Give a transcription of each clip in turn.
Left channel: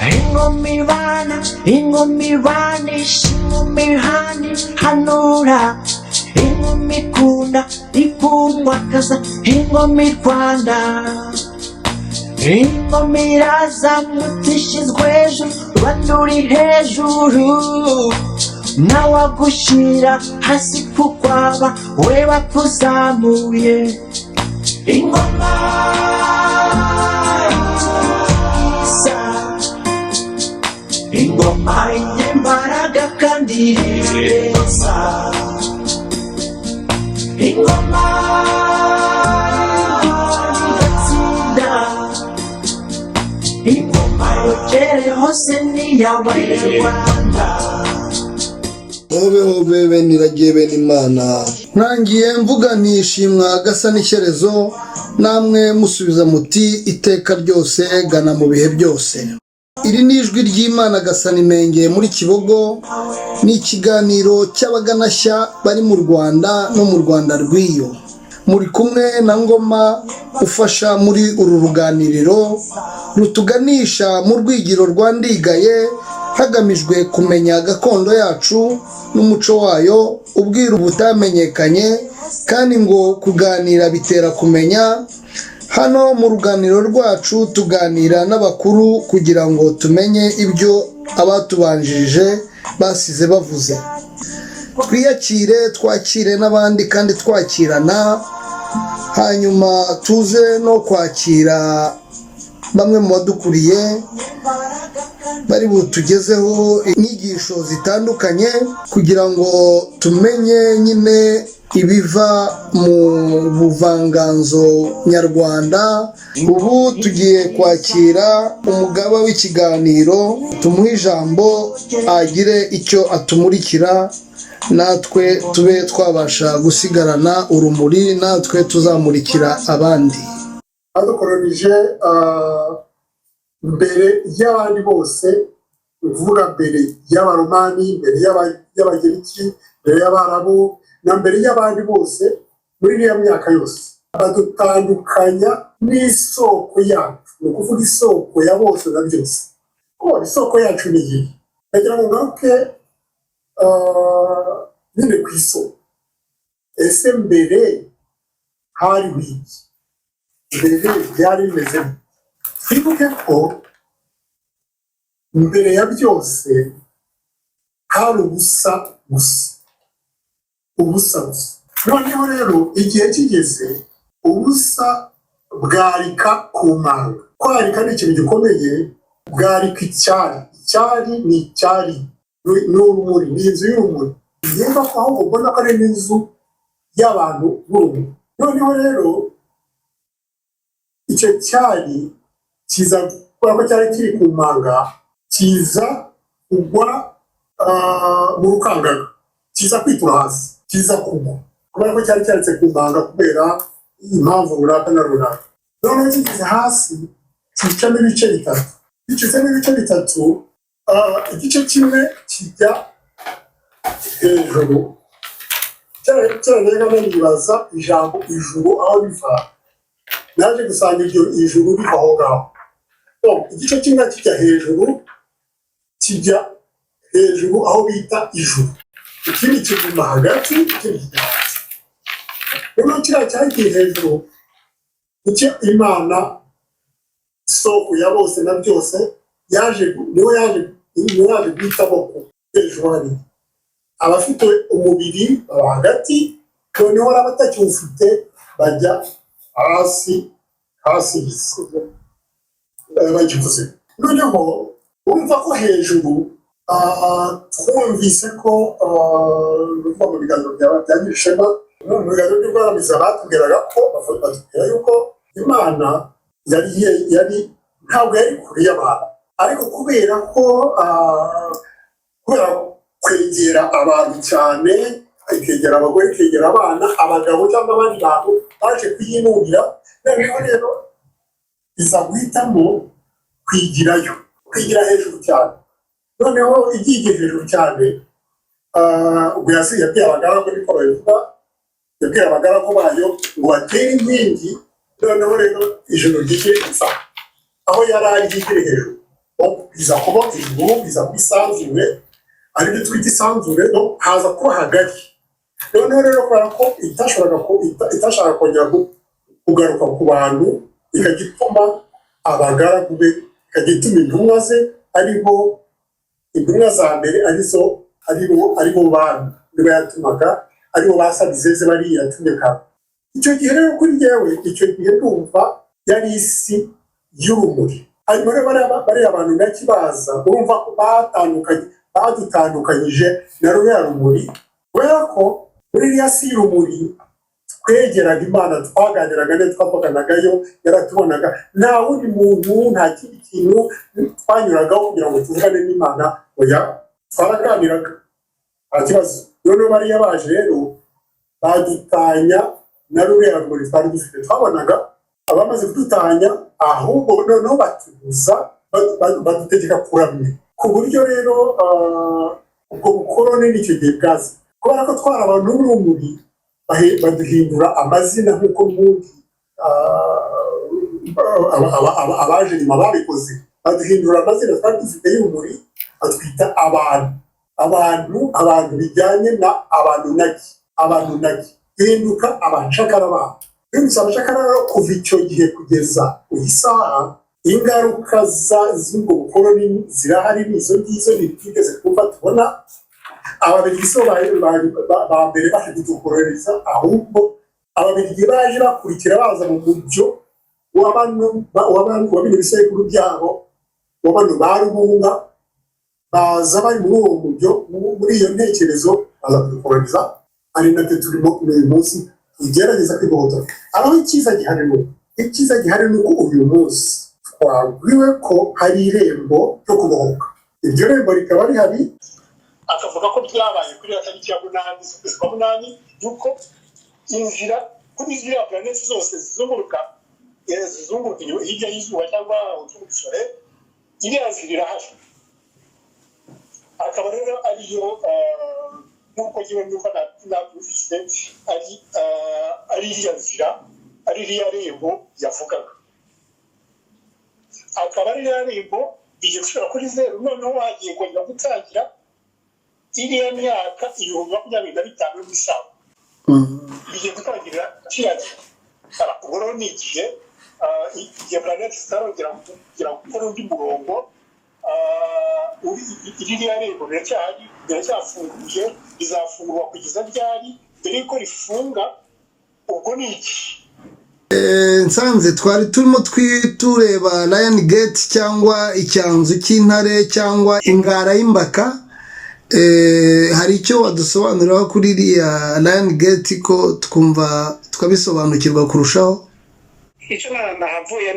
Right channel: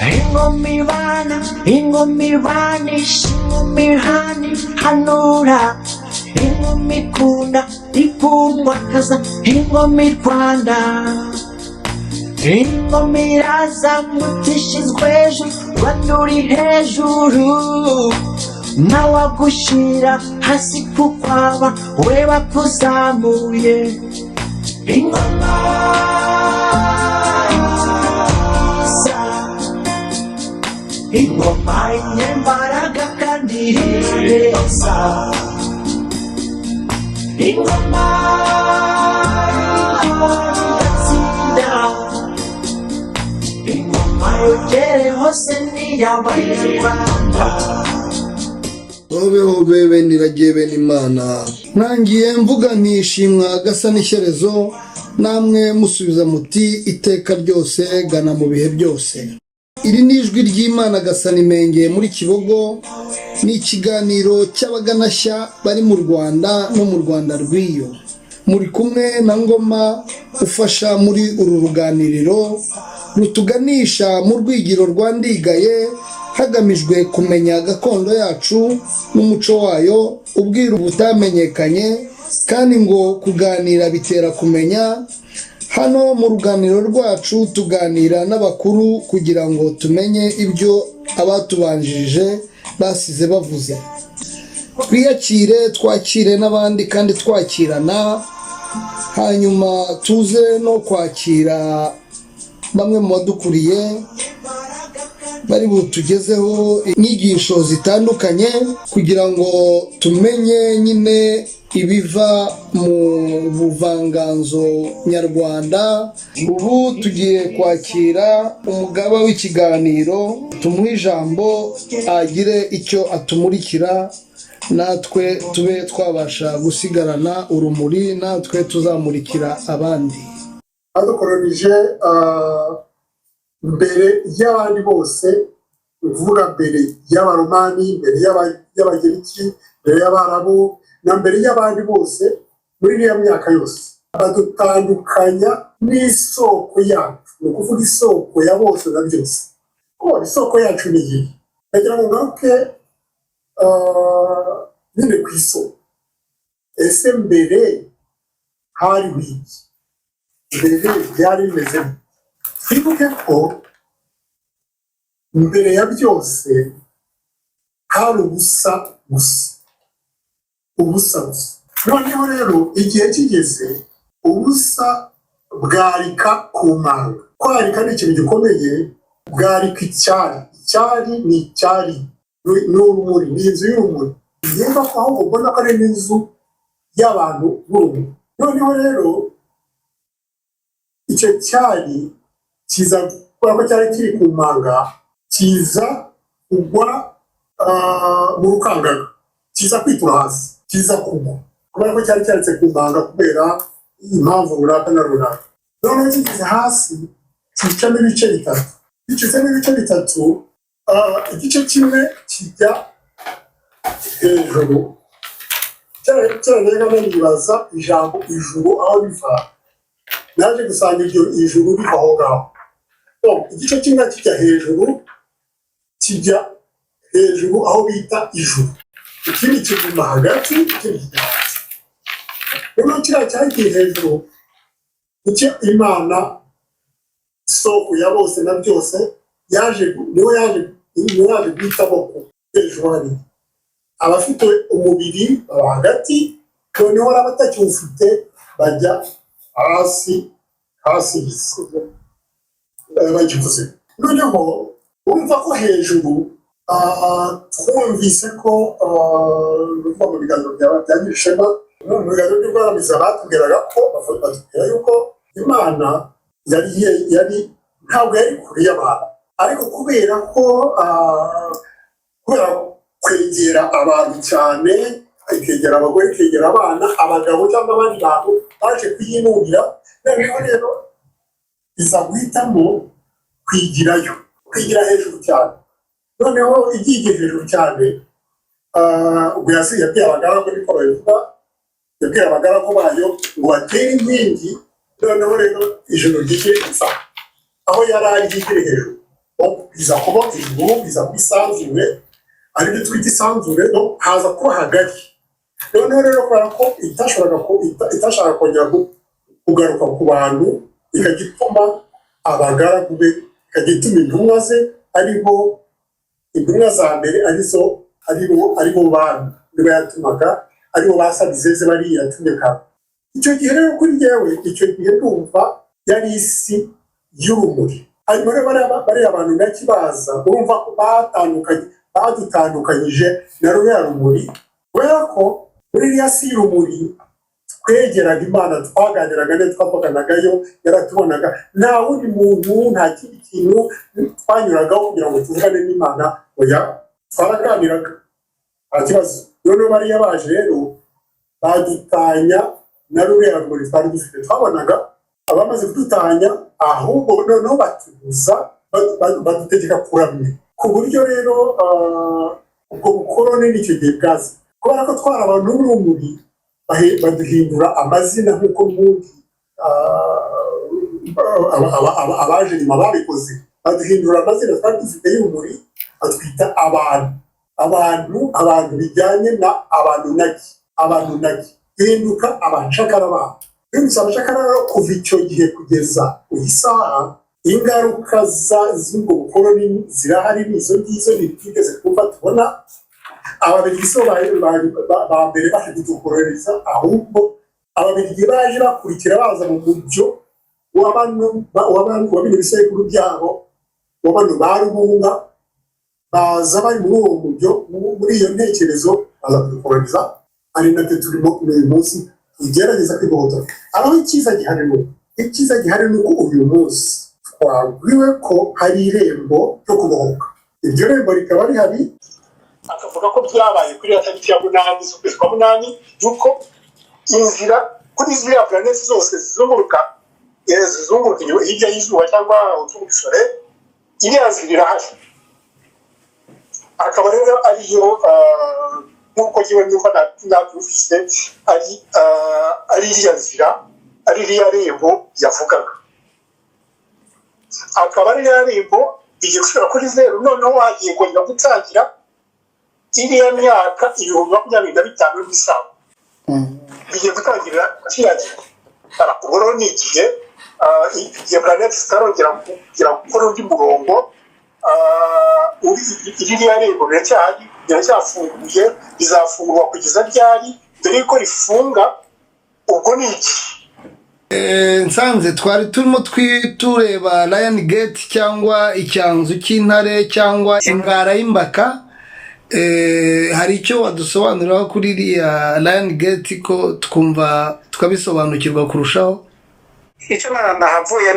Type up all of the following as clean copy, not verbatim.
ingoma ibanisha ingoma ihana ihanura ingoma ikundwa kaza ingoma irwanda ingoma irazamutse ishyizwe hejuru rwanda uri hejuru ntawagushyira hasi kuko aba we bakuzamuye ingoma ingoma y'imbaraga kandi ireza ingoma igatsinda ingoma yogere hose n'iy'abanyarwanda hobe bene iragiye bene imana ntangiye mvuga ntishimwa gasa n'ishyerezo namwe musubiza muti iteka ryose gana mu bihe byose. Iri ni ijwi ry'Imana Gasanimenge muri Kibogo, ni ikiganiro cy'abaganashya bari mu Rwanda no mu Rwanda rw'iyo. Muri kumwe na Ngoma ufasha muri uru ruganiriro rutuganisha mu rwigiro rwa Ndigaye hagamijwe kumenya gakondo yacu n'umuco wayo, ubwiru butamenyekanye kandi ngo kuganira bitera kumenya. Hano mu ruganiro rwacu tuganira n'abakuru kugira ngo tumenye ibyo abatubanjirije basize bavuze. Twiyakire, twakire n'abandi kandi twakirana, hanyuma tuze no kwakira bamwe mu badukuriye bari butugezeho inyigisho zitandukanye kugira ngo tumenye nyine ibiva mu buvanganzo nyarwanda. Ubu tugiye kwakira umugaba w'ikiganiro, tumuhe ijambo agire icyo atumurikira, natwe tube twabasha gusigarana urumuri, natwe tuzamurikira abandi. Adukoronije mbere y'abandi bose, uvuga mbere y'abaromani, mbere y'abagereki, mbere y'abarabu na mbere y'abandi bose muri iriya myaka yose, badutandukanya n'isoko yacu, ni ukuvuga isoko ya bose na byose. Isoko yacu ni iyi, ndagira ngo ngaruke nyine ku isoko. Ese mbere hari wiki, mbere byari bimeze twibuke ko mbere ya byose hari ubusa gusa. Noneho rero igihe kigeze ubusa bwarika ku manga. Kwarika ni ikintu gikomeye, bwarika icyari. Icyari ni icyari, ni urumuri, ni inzu y'urumuri. Yumva ko aho ubona ko ari n'inzu y'abantu b'urumuri. Noneho rero icyo cyari kiza, kubera ko cyari kiri ku manga, kiza kugwa mu rukangaga, kiza kwitura hasi, kiza kugwa kubera ko cyari cyaretse ku manga kubera impamvu runaka na runaka. Noneho kigeze hasi kicamo ibice bitatu. Gicitsemo ibice bitatu, igice kimwe kijya hejuru. Cyane nibaza ijambo ijuru aho riva, naje gusanga iryo ijuru riva aho ngaho. Igice kimwe kijya hejuru aho bita ijuru, ikindi kiguma hagati, ikindi kijya hasi. Noneho kiriya cyagiye hejuru icyo Imana isoko ya bose na byose niwe yaje guhitamo ko hejuru hari abafite umubiri baba hagati, noneho abatakiwufite bajya hasi bagivuze. Noneho urumva ko hejuru twumvise ko mu biganiro bya Nyirishema, mu biganiro by'ubwaramiza batubwiraga ko batubwira yuko Imana yari ntabwo yari kure y'abantu, ariko kubera kwegera abantu cyane, ikegera abagore, ikegera abana, abagabo cyangwa abandi bantu baje kuyinubira. Noneho rero iza guhitamo kwigira hejuru cyane. Noneho igiye hejuru cyane, ubwo yabwiye abagaragu, niko babivuga, yabwiye abagaragu bayo ngo batere inkingi. Noneho rero ijoro ryigire gusa aho yari ari ryigire hejuru. biza kuba ijuru biza kuba isanzure aribyo twita isanzure no haza kuba hagati noneho rero kubera ko itashaka kongera kugaruka ku bantu ikajya ituma abagaragu be ikajya ituma intumwa ze aribo intumwa za mbere aribo bantu nibo yatumaga aribo basabizeze bariya yatumeka icyo gihe rero kuri jyewe icyo gihe ndumva yari isi y'urumuri hanyuma rero bariya abantu ndakibaza urumva ko badutandukanyije na ruriya rumuri kubera ko muri iriya si y'urumuri twegeraga imana twaganiraga neza twavuganagayo yaratubonaga nta wundi muntu nta kindi kintu twanyuragaho kugira ngo tuvugane n'imana oya twaraganiraga nta kibazo noneho bariya baje rero badutanya na ruriya rumuri twari dufite twabonaga abamaze kudutanya ahubwo noneho batubuza badutegeka kuramya ku buryo rero ubwo bukorone n'icyo gihe bwaza kubera ko twari abantu b'urumuri baduhindura amazina nk'uko n'ubundi abaje nyuma babikoze baduhindura amazina twari dufite y'urumuri batwita abantu bijyanye na abantu nagi duhinduka abacakara babo bimutse abacakara rero kuva icyo gihe kugeza uyu isaha ingaruka z'ubwo bukoroni zirahari n'izo ngizo ntitwigeze twumva tubona ababiligi ba mbere baje kudukoroniza ahubwo ababiligi baje bakurikira baza mu mujyo wa bino bisekuru byabo wa bano ba rubunga baza bari muri uwo mujyo muri iyo ntekerezo baza kudukoroniza ari natwe turimo uyu munsi tugerageza kwigobotora aho icyiza gihari ni uko uyu munsi twabwiwe ko hari irembo ryo kubohoka iryo rembo rikaba rihari akavuga ko byabaye kuri ya tariki ya 8 z'ukwezi kwa 8 yuko inzira kuri ziriya planeti zose zizunguruka hirya y'izuba cyangwa utungusore iriya nzira irahari akaba rero ariyo nk'uko ngewe nyumva nabyumvise ari iriya nzira ari iriya rembo yavugaga akaba ari iriya rembo bigiye gushobora kuri zeru noneho hagiye kongera gutangira iriya myaka 2025 n'isaha bigiye gutangirira kiyagera ubwo rero ni igihe igihe planeti zitarongera kugira gukora undi murongo iriya rembo biracyafunguye rizafungurwa kugeza ryari dore yuko rifunga ubwo ni iki nsanze twari turimo tureba Lion Gate cyangwa icyanzu cy'intare cyangwa ingara y'imbaka hari icyo wadusobanuriraho kuri iriya Lion Gate ko twumva tukabisobanukirwa kurushaho icyo nahavuye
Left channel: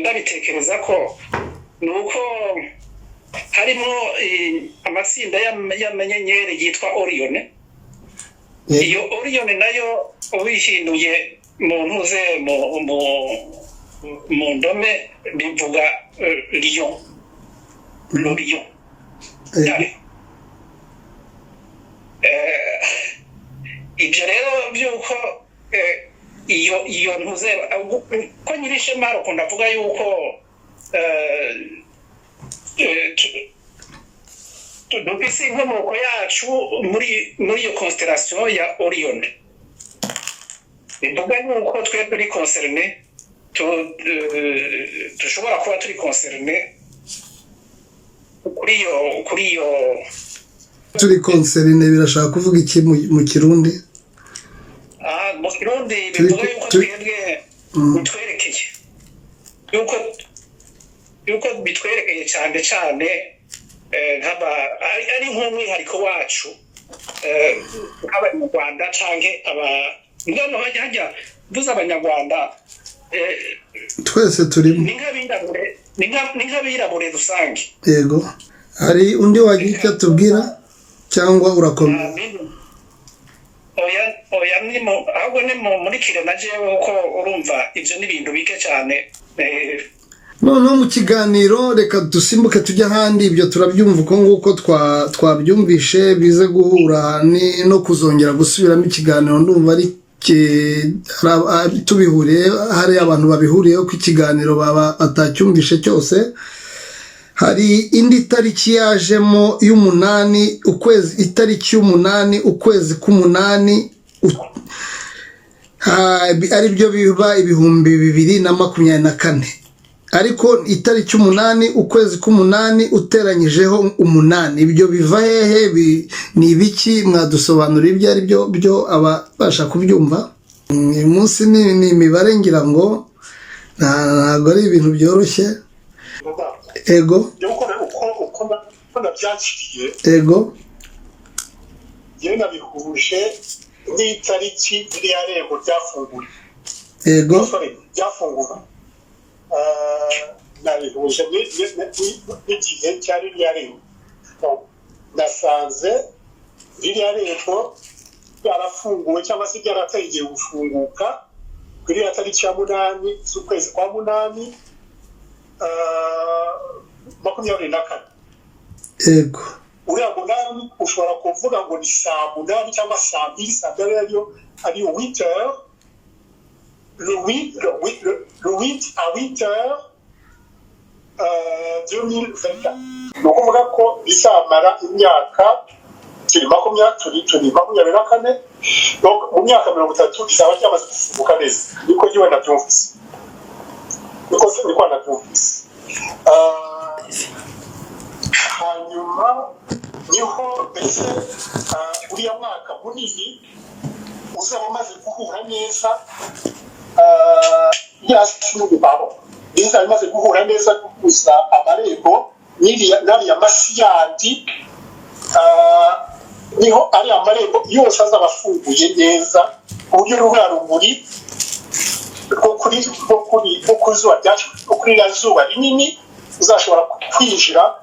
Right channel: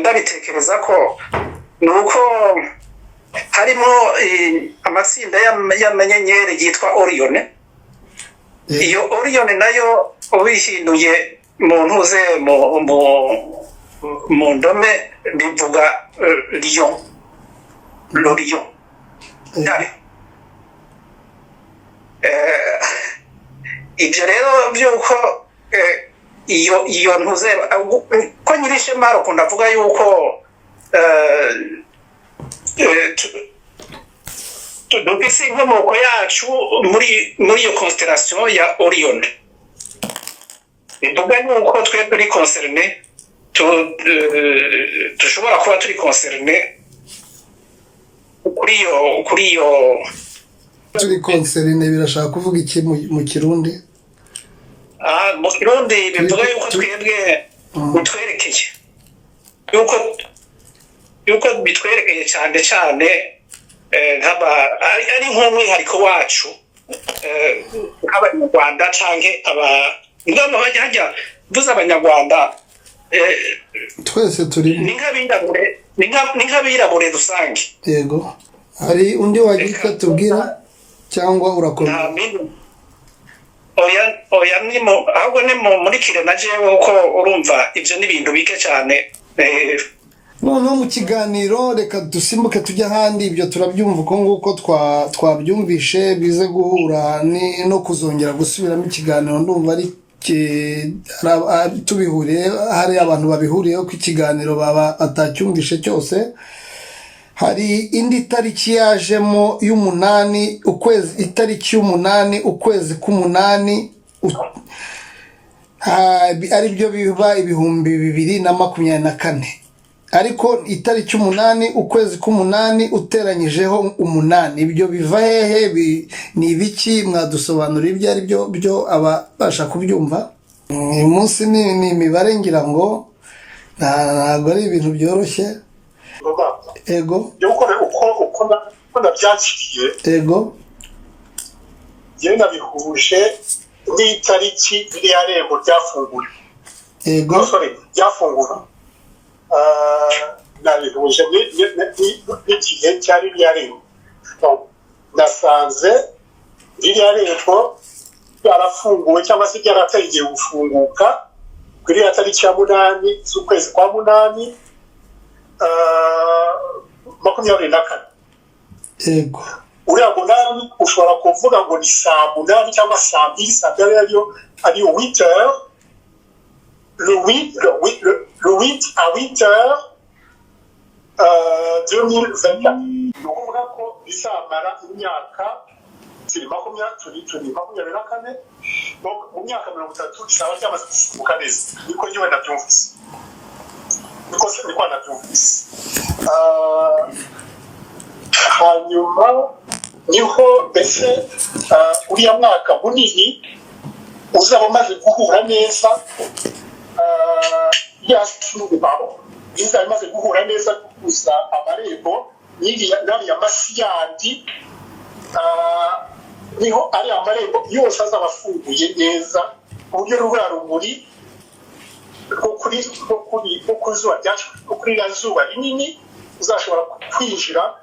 ndabitekereza ko nuko harimo amatsinda y'amanyenyeri yitwa Orion iyo Orion nayo ubihinduye mu ntuze mu ndome bivuga Lion L'Orion ibyo rero byuko iyo ntuze ko nyirishema arukunda avuga yuko dufise inkomoko yacu muri iyo constellation ya Orion bivuga yuko twe turi concerne dushobora kuba turi concerne kuri iyo turi concerne birashaka kuvuga iki mu Kirundi mu Kirundi bivuga yuko twebwe bitwerekeye yuko bitwerekeye cyane ari nk'umwihariko wacu nk'abanyarwanda canke ngano hajya mvuze abanyarwanda twese turi ni nk'abirabure rusange yego hari undi wagira tubwira cyangwa urakomeza oya ahubwo ni muri kire na jewe uko urumva ibyo ni ibintu bike cyane noneho mu kiganiro reka dusimbuke tujya ahandi ibyo turabyumva uko nguko twabyumvishe bize guhura no kuzongera gusubiramo ikiganiro ndumva ari tubihuriye hari abantu babihuriyeho ko ikiganiro baba atacyumvishe cyose hari indi tariki yajemo y'umunani ukwezi, itariki y'umunani ukwezi k'umunani ari byo biba 2024, ariko itariki 8 ukwezi k'umunani uteranyijeho 8, ibyo biva hehe? Ni ibiki? Mwadusobanura ibyo ari byo abasha kubyumva. Uyu munsi ni imibare ngira ngo ntabwo ari ibintu byoroshye. Ego uko nabyakiriye, ego yewe nabihuje n'itariki iriya rembo ryafunguye, ego ryafungura, nabihuje n'igihe cya ririya rembo. Nasanze ririya rembo ryarafunguwe cyangwa se ryaratangiye gufunguka kuri iriya tariki ya 8 z'ukwezi kwa 8 24. ego uriya 8 ushobora kuvuga ngo ni saa 8 cyangwa saa 2, saa 2 ari 8 heures, le 8 à 8 heures 2024. ni ukuvuga ko bizamara imyaka turi 24, donc mu myaka 30 bizaba byamaze gufunguka neza. niko yewe nabyumvise, niko nabyumvise. hanyuma niho mbese uriya mwaka munini uzaba umaze guhura neza bizaba bimaze guhura neza, guhuza amarembo n'ariya masi yandi, niho ariya amarembo yose azaba afunguye neza ku buryo ruriya rumuri rwo kuri iriya zuba rinini uzashobora kwinjira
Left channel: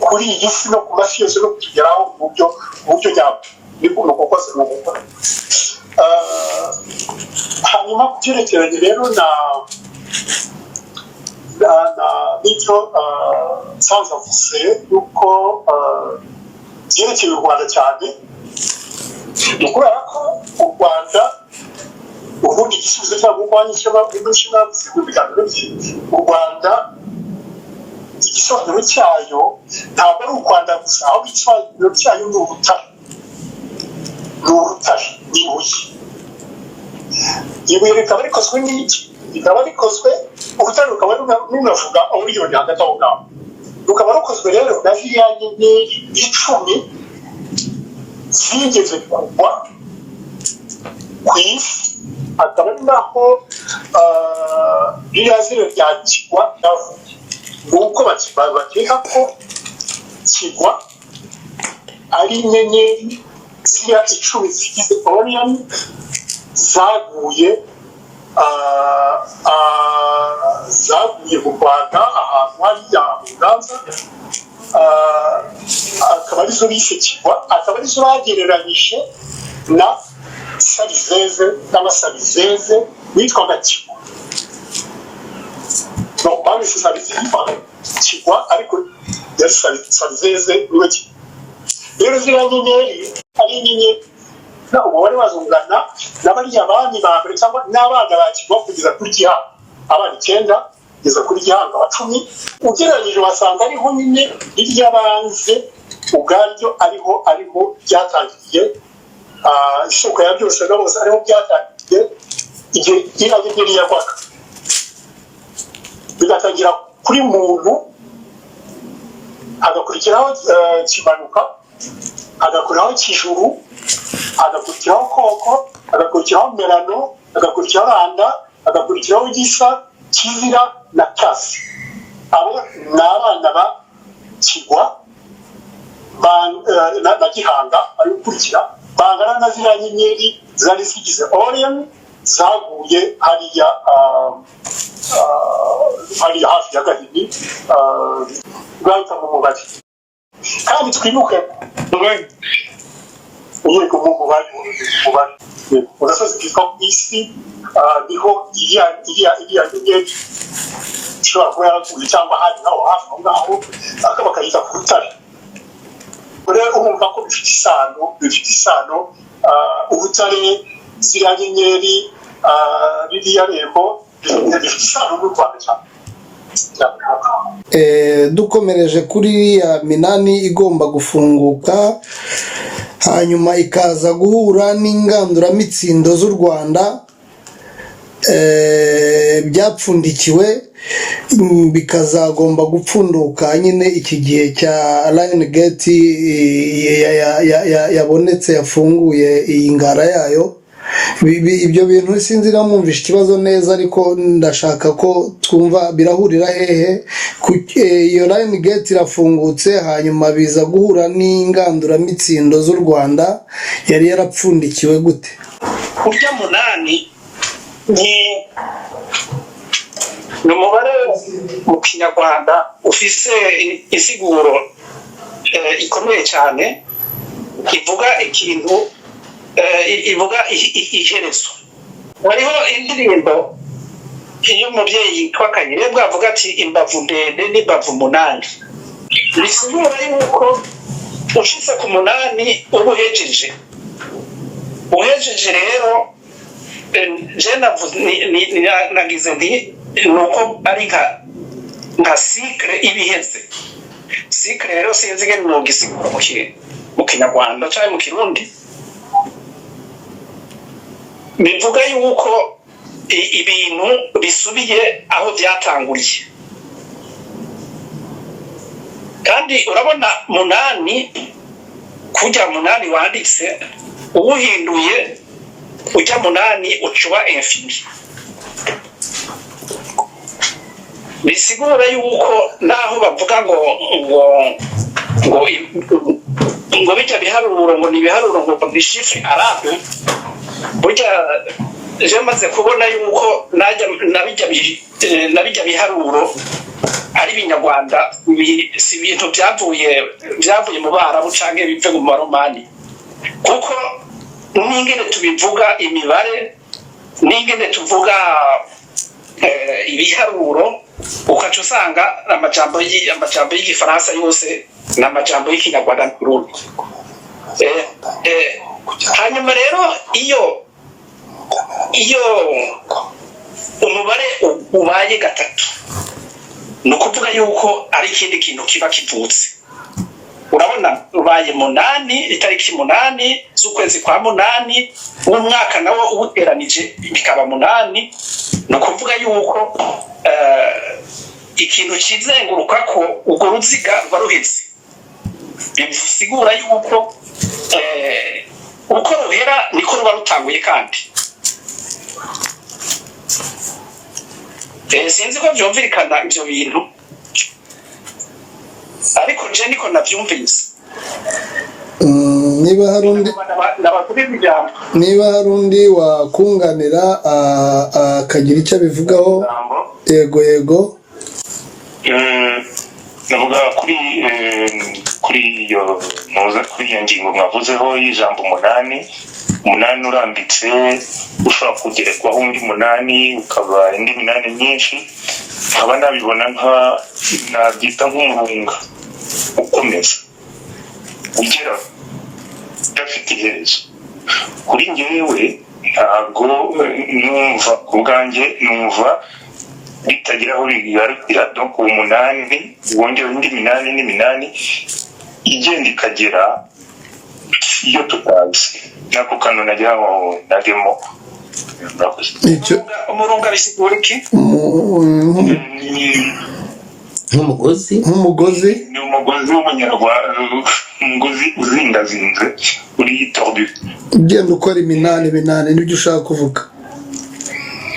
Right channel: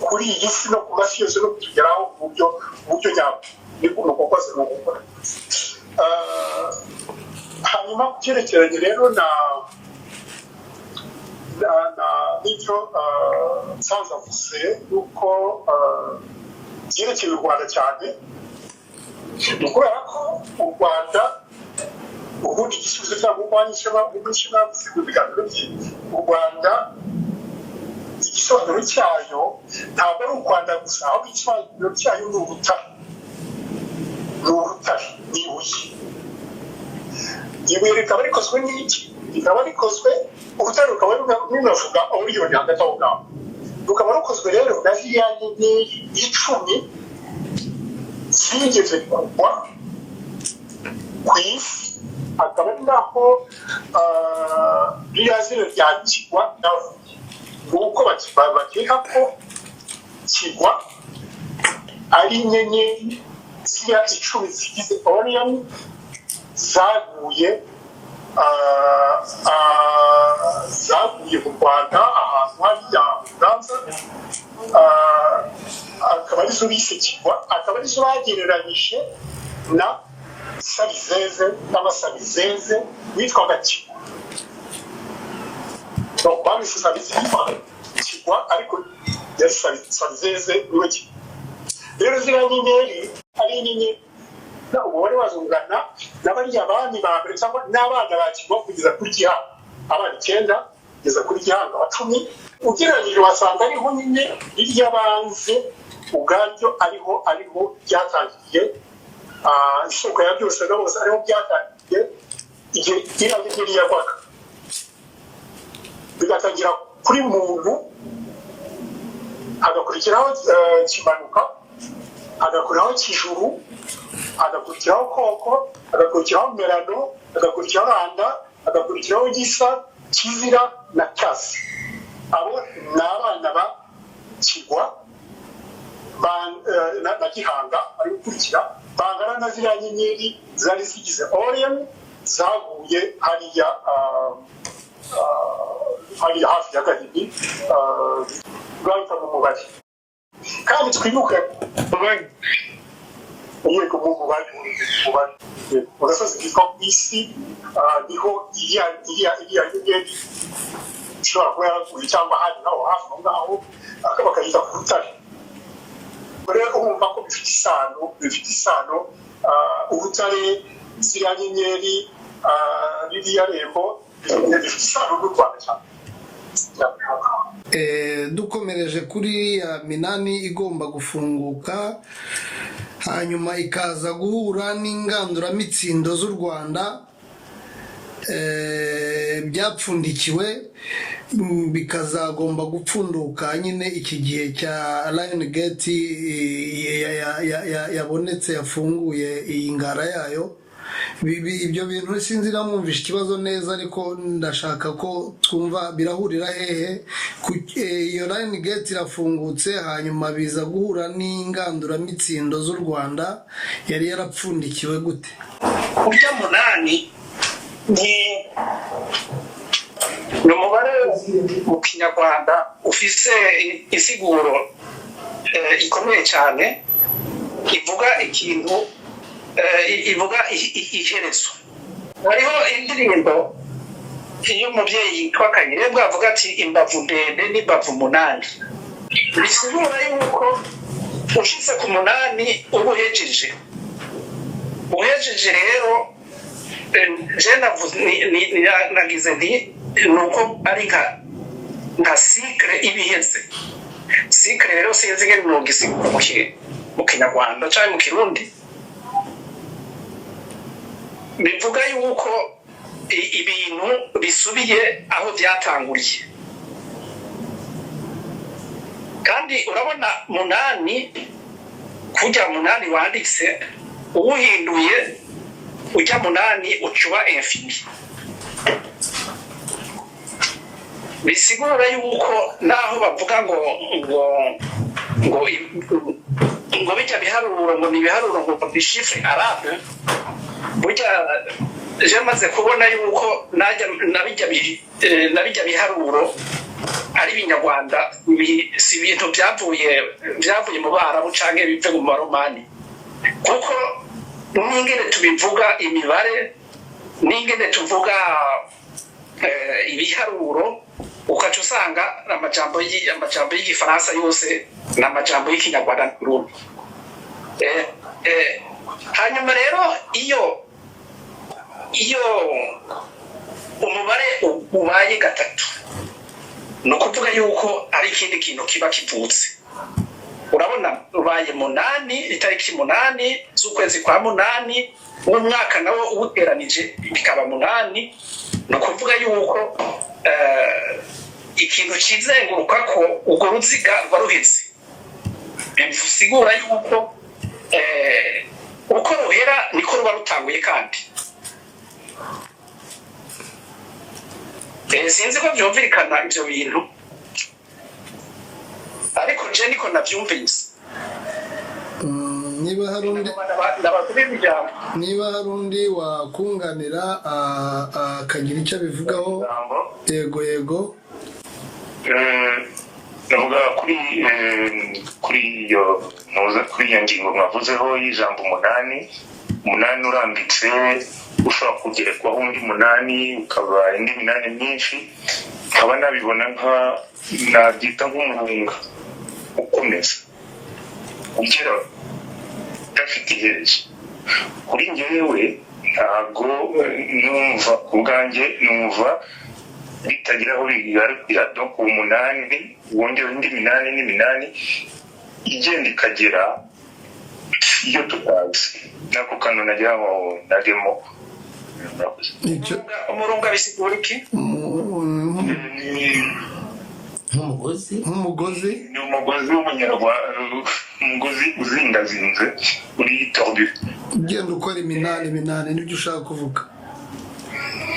kuri iyi si no ku masi yose no kutugeraho mu buryo nyabwo. niko kose ni ugukora. hanyuma ku byerekeranye rero n'ibyo nsanze avuze yuko byerekeye u Rwanda cyane, ni ukubera ko u Rwanda ubundi igisubizo cyangwa urwanyisha bavuze mu biganiro bye, u Rwanda igisobanuro cyayo ntabwo ari u Rwanda gusa, ahubwo igisobanuro cyayo ni urutare, ni ibuye. ibuye rikaba rikozwe n'iki? rikaba rikozwe, urutare rukaba runavuga miliyoni hagati aho ngaho, rukaba rukozwe rero na ziriya nyenyeri 10 zigeze kugwa ku isi. akaba ari naho ririya zina rya kigwa navuye, nuko bakeka ko kigwa ari inyenyeri ziriya 10 zigize Orion zaguye mu Rwanda ahantu hariya mu Nyanza, akaba arizo bise kigwa, akaba arizo bagereranyije na Sabizeze n'Abasabizeze witwaga kigwa. donc bamwise kigwa ariko yari Sabizeze niwe kigwa. rero ziriya nyenyeri ari inyenyeri umubare wazo ungana n'abariya bami ba mbere cyangwa n'abana ba kigwa kugeza kuri Gihanga, abana 9 kugeza kuri Gihanga wa 10. ugereranyije wasanga ariho nyine iry'abanze ubwaryo ariho byatangiriye, isoko ya byose na bose ariho byatangiriye igihe iriya nyenyeri yagwaga, bigatangira kuri muntu, hagakurikiraho kimanuka, hagakurikiraho kijuru, hagakurikiraho koko, hagakurikiraho merano, hagakurikiraho randa, hagakurikiraho gisa, kizira na kasi. abo ni abana ba kigwa na Gihanga ari gukurikira, bangana na ziriya nyenyeri zari zigize Orion zaguye hariya hafi ya Gahini, bwahita mu mubare. kandi twibuke yego mu mubare urasoze kitwa ku isi, niho iriya nyenyeri ishobora kuba yaraguye cyangwa ahandi naho hafi aho ngaho, bakayita ku rutare. rero urumva ko bifite isano, urutare, ziriya nyenyeri, ririya rembo bifite isano n'u Rwanda cyane. dukomereje kuri ya minani igomba gufunguka hanyuma ikaza guhura n'inganduramitsindo z'u Rwanda byapfundikiwe bikazagomba gupfunduka nyine iki gihe cya Lion Gate yabonetse yafunguye iyi ngara yayo. Ibyo bintu sinzi namwumvisha ikibazo neza ariko ndashaka ko twumva birahurira hehe. Iyo Lion Gate irafungutse hanyuma biza guhura n'inganduramitsindo z'u Rwanda yari yarapfundikiwe gute? Urya munani ni umubare mu Kinyarwanda ufise insiguro ikomeye cyane, ivuga ikintu, ivuga iherezo. Hariho indirimbo y'umubyeyi yitwa Kayirebwa avuga ati imbavu ndende n'imbavu munani. Bisigura yuko ushitse ku munani uba uhejeje rero. Nagize nti nuko ari nka cycle ibiheze. Cycle rero sinzi ngene nogisigura mu Kinyarwanda cyangwa mu Kirundi. Bivuga yuko ibintu bisubiye aho byatanguriye. Kandi urabona munani, kujya munani wanditse uwuhinduye ujya munani ucuba infini. Bisigura yuko naho bavuga ngo bijya biharuro ngo ni biharuro ngo ni chiffre arabe, burya je maze kubona yuko nabijya biharuro ari binyarwanda, si ibintu byavuye mu Barabu canke bive mu Maromani, kuko n'ingene tubivuga imibare, n'ingene tuvuga ibiharuro, ukaca usanga amajambo y'igifaransa yose n'amajambo y'ikinyarwanda n'urundi. Hanyuma rero iyo umubare ubaye gatatu, ni ukuvuga yuko ari ikindi kintu kiba kivutse. Urabona ubaye munani, itariki munani z'ukwezi kwa munani, umwaka nawo ubuteranije bikaba munani. Ni ukuvuga yuko ikintu kizenguruka ko urwo ruziga ruba ruheze. Bisigura yuko uko ruhera niko ruba rutanguye. Kandi sinzi ko byumvikana ibyo bintu, ariko nje niko nabyumvise. Niba hari undi wakunganira akagira icyo abivugaho. Yego. Navuga kuri iyo ngingo mwavuzeho y'ijambo umunani urambitse, ushobora kugerwaho undi munani ukaba indi minani myinshi, nkaba nabibona nabyita nk'umurunga ukomeza ugera udafite iherezo. Kuri njyewe ntabwo numva, ku bwanjye numva bitagira aho bigarukira. Donc umunani wongera indi minani n'iminani igenda ikagera iyo tutazi. Nako kano najyamo umurunga bisigura iki? Nk'umugozi ni umugozi w'umunyarwanda, umugozi uzingazinze uri tordu, ugenda ukora iminani nibyo ushaka kuvuga.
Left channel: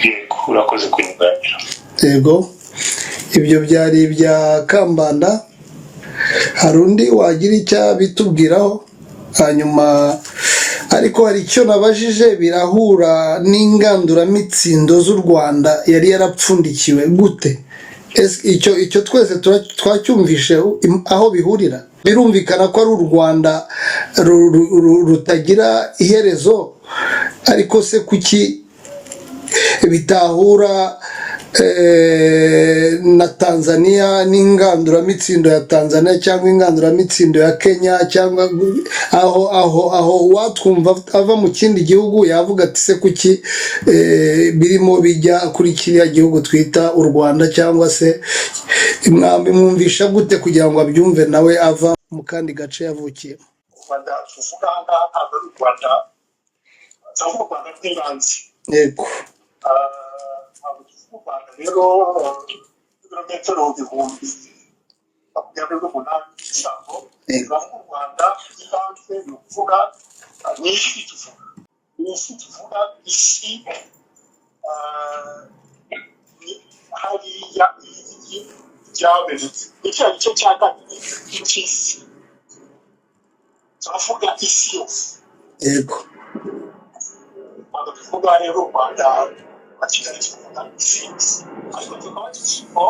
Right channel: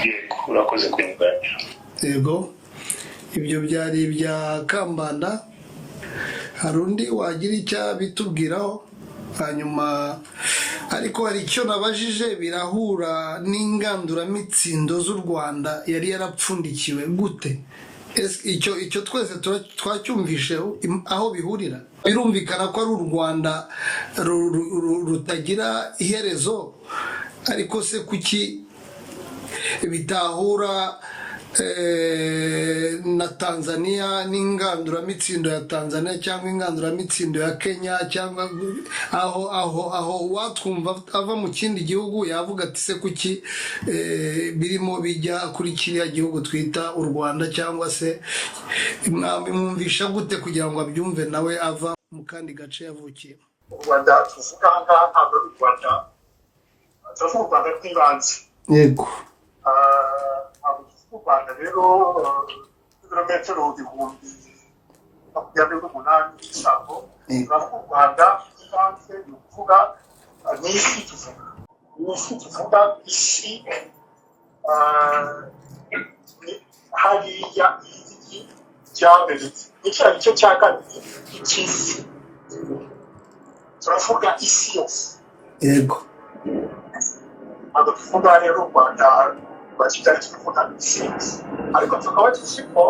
Yego, urakoze kunyunganira. Yego, ibyo byari ibya Kambanda. Hari undi wagira icyo bitubwiraho? Hanyuma ariko hari icyo nabajije, birahura n'inganduramitsindo z'u Rwanda yari yarapfundikiwe gute? Icyo twese twacyumvishe aho bihurira. Birumvikana ko ari u Rwanda rutagira iherezo, ariko se kuki bitahura na Tanzania n'inganduramitsindo ya Tanzania cyangwa inganduramitsindo ya Kenya cyangwa aho watwumva ava mu kindi gihugu yavuga ati se kuki birimo bijya kuri kiriya gihugu twita u Rwanda, cyangwa se mwumvisha gute kugira ngo abyumve nawe ava mu kandi gace yavukiye? u Rwanda tuvuga ngaha ntabwo ari u Rwanda, tuvuga u Rwanda rw'ibanze. Yego. Ntabwo tuvuga u Rwanda rero ibirometero 28,000 by'isambo. Tuvuga u Rwanda rw'ibanze, ni ukuvuga ni isi tuvuga, isi hariya igi ryamenetse, ni cya gice cya kabiri cy'isi, turavuga isi yose. Yego. Ntabwo tuvuga rero u Rwanda rwa Kigali, tuvuga isi yose, ariko tukaba tuzi ko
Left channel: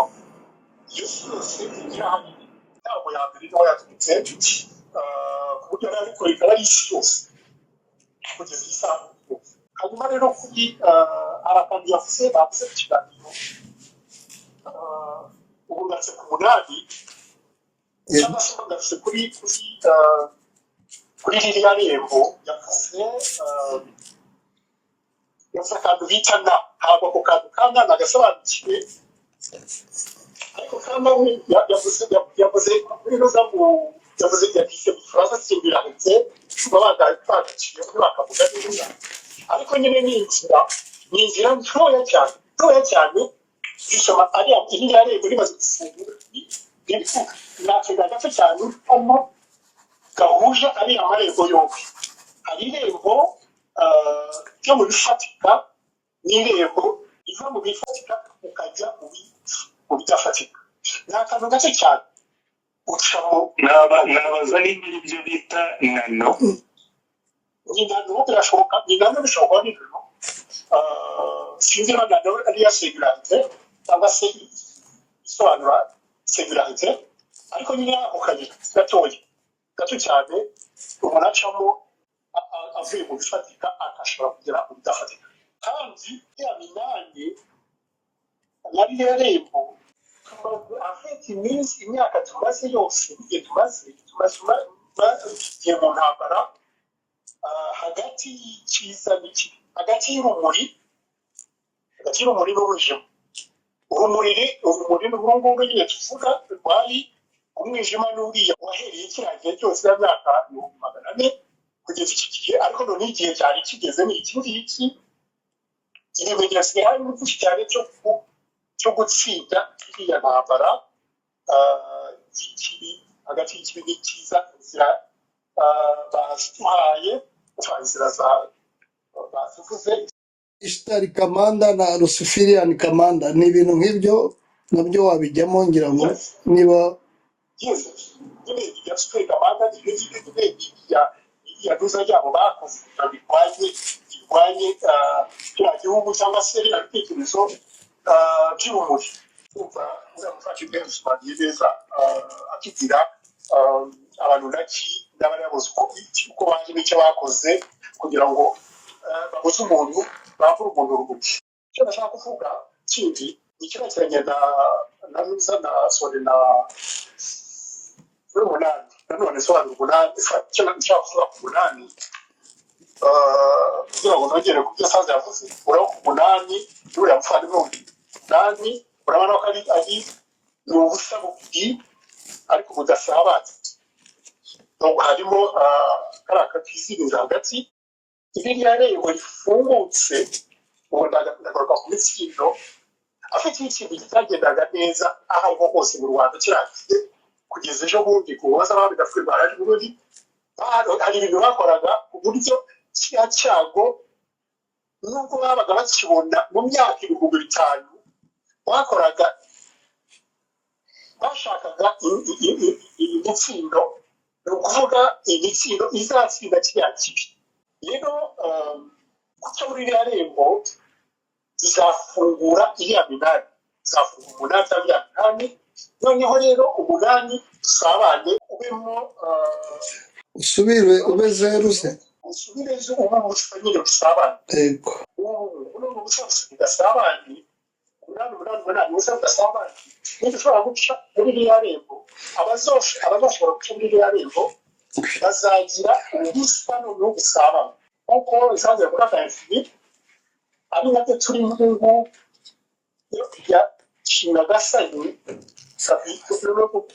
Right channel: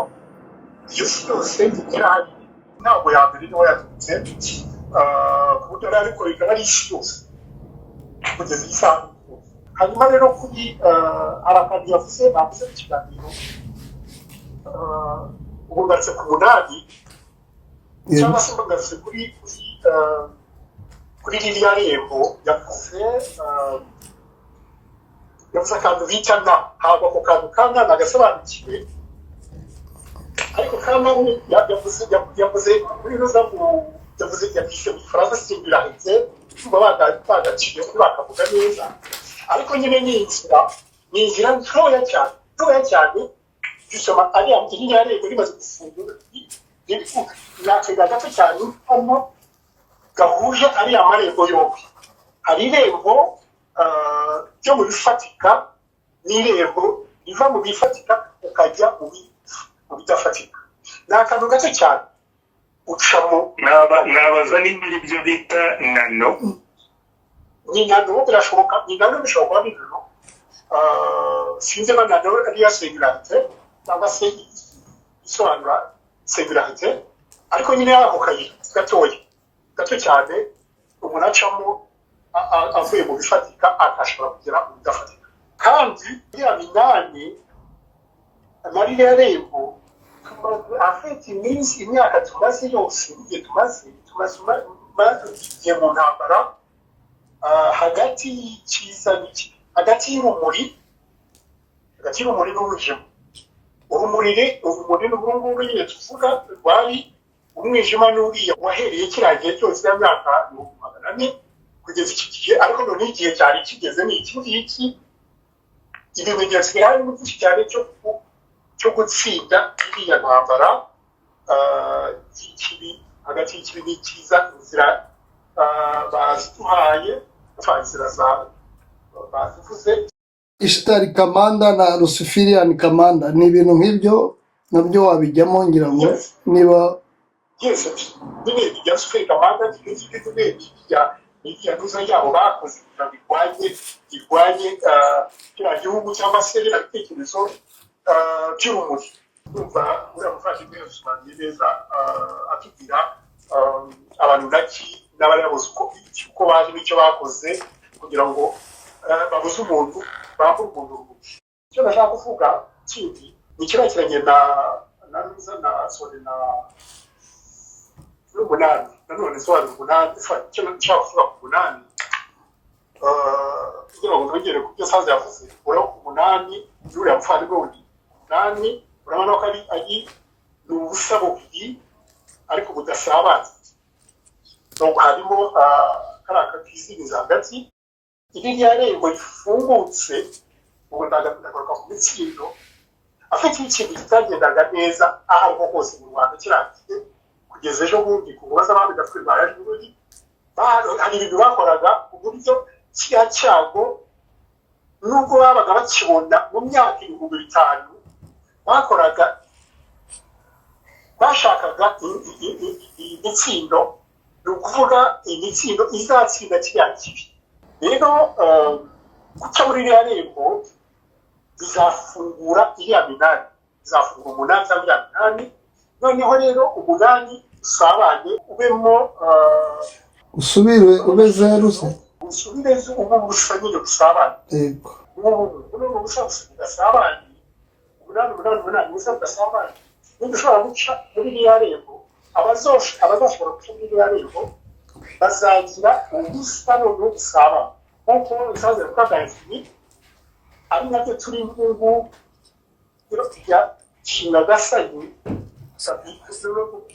iyo si yose irahari, ntabwo ya mbere niho yaturutse, ku buryo ariko ikaba ari isi yose kugeza iyi saha. Hanyuma rero kuri arakadi yavuze bavuze mu kiganiro, ubu ngarutse ku 8 cyangwa se ngarutse kuri ririya rembo yavuze akantu bita nta, ntabwo ako kantu kanya nagasobanukiwe, ariko kamba yavuze muri roza yavuze yavuze mu Faransa simbirahetse kuba bagaciye kuri bakavuga neza, ariko nyine ni inzira ntoya cyane zisoma ari iriya rembo rimaze gufungura nakega gato cyane kamo gahuje ari amarembo yombi. Hari irembo ryo mu bifatika n'irembo riva mu bifatika ukajya mu bidafatika. Ni akantu gato cyane ucamo. Nabaza niba ibyo bita nano. Ni nano birashoboka, ni nano bishobora kuba ni nano. Sinzi na nano ariya singularité cyangwa se isobanura singularité, ariko nyine ako kayira gato cyane umuntu acamo avuye mu bifatika akashobora kugera mu bidafatika. Kandi iriya minani nari yarembo afite imyaka tumaze yose, igihe tumaze mu ntambara hagati y'icyiza n'ikibi, hagati y'urumuri n'umwijima. Urumuri n'ubungubu nyine tuvuga rwari umwijima n'uriya wahereye kiriya gihe cyose ya myaka 400 kugeza iki gihe, ariko none igihe cyari kigeze ni iki ngiki. Ibimenyetso bihari ni byinshi cyane cyo gutsinda iriya ntambara y'ikibi, hagati y'ikibi n'icyiza. Inzira baziduhaye, inzira bazivuze, Ishtar Kamanda na Luciferian Kamanda, ni ibintu nk'ibyo nabyo wabijyamo ngira ngo niba nyine bijya Luciferian Kamanda n'ibyo ntuza yabo bakoze birwanye kiriya gihugu cyangwa se ibitekerezo by'urumuri. Urumva uriya muvandimwe dusobanuye neza atubwira abantu n'abayobozi uko baje n'icyo bakoze kugira ngo babuze umuntu, bambura umuntu uruguti. Icyo nashaka kuvuga kindi ni kirekeranye na Ruza na Sore na umunani, nanone sobanura umunani. Icyo nashaka kuvuga ku 8 kugira ngo nongere ku byo Sanze yavuze, urabona ku 8 y'uriya muvandimwe wundi 8 urabona ko ari ubusa bubiri ariko budasabanye. Nubwo harimo kariya kakizibiza hagati, iriya rembo rifungutse ubu ndagaruka ku mitsindo afite ikintu kitagendaga neza aho ariho hose mu Rwanda kirangiye kugeza ejo bundi ku baza abandi gafwe barajuri. Hari ibintu bakoraga uburyo kiriya cyago nubwo babaga bakibona mu myaka 5,000 bakoraga, bashakaga imitsindo, ni ukuvuga imitsindo izatsinda kiriya kibi. Rero guca muri iriya rembo bizafungura iriya minani, bizafungura 8 cyangwa 8. Noneho rero 8 usabanye ubemo usubire ubeze ruse usubire ubu busa nyine busabanye. Yego. Ubu busa busabanye umunani muze mudasambana ntidushobora guca muri iriya rembo abazoshobora guca muri iriya rembo bazagira ubusa noneho gusabana nk'uko bisanzwe kuri agayafini ari nabyo turi ngubu ya shinagasani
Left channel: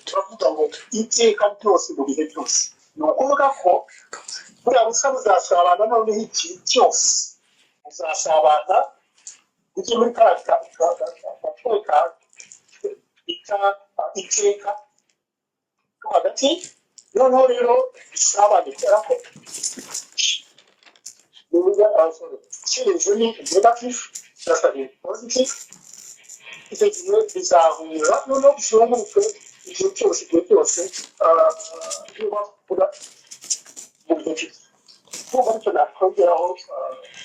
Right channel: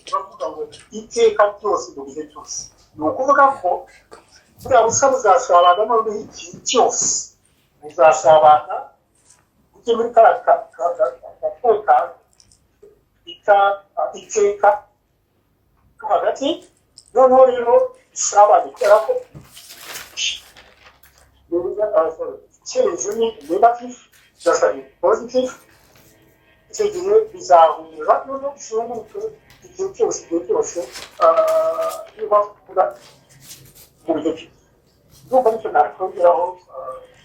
turavuga ngo iteka ryose mu bihe byose ni ukuvuga ko buriya busa buzasabana noneho ikintu cyose buzasabana ujye muri kariya gatoya iteka hagati noneho rero isabane kubera ko icyerekezo ni negative cyangwa ni positive icyo gihe bizahura noneho bishobora igihe cyose igihe cyose niba ukora mu buryo bwiza nubwo nicyo nakongeraho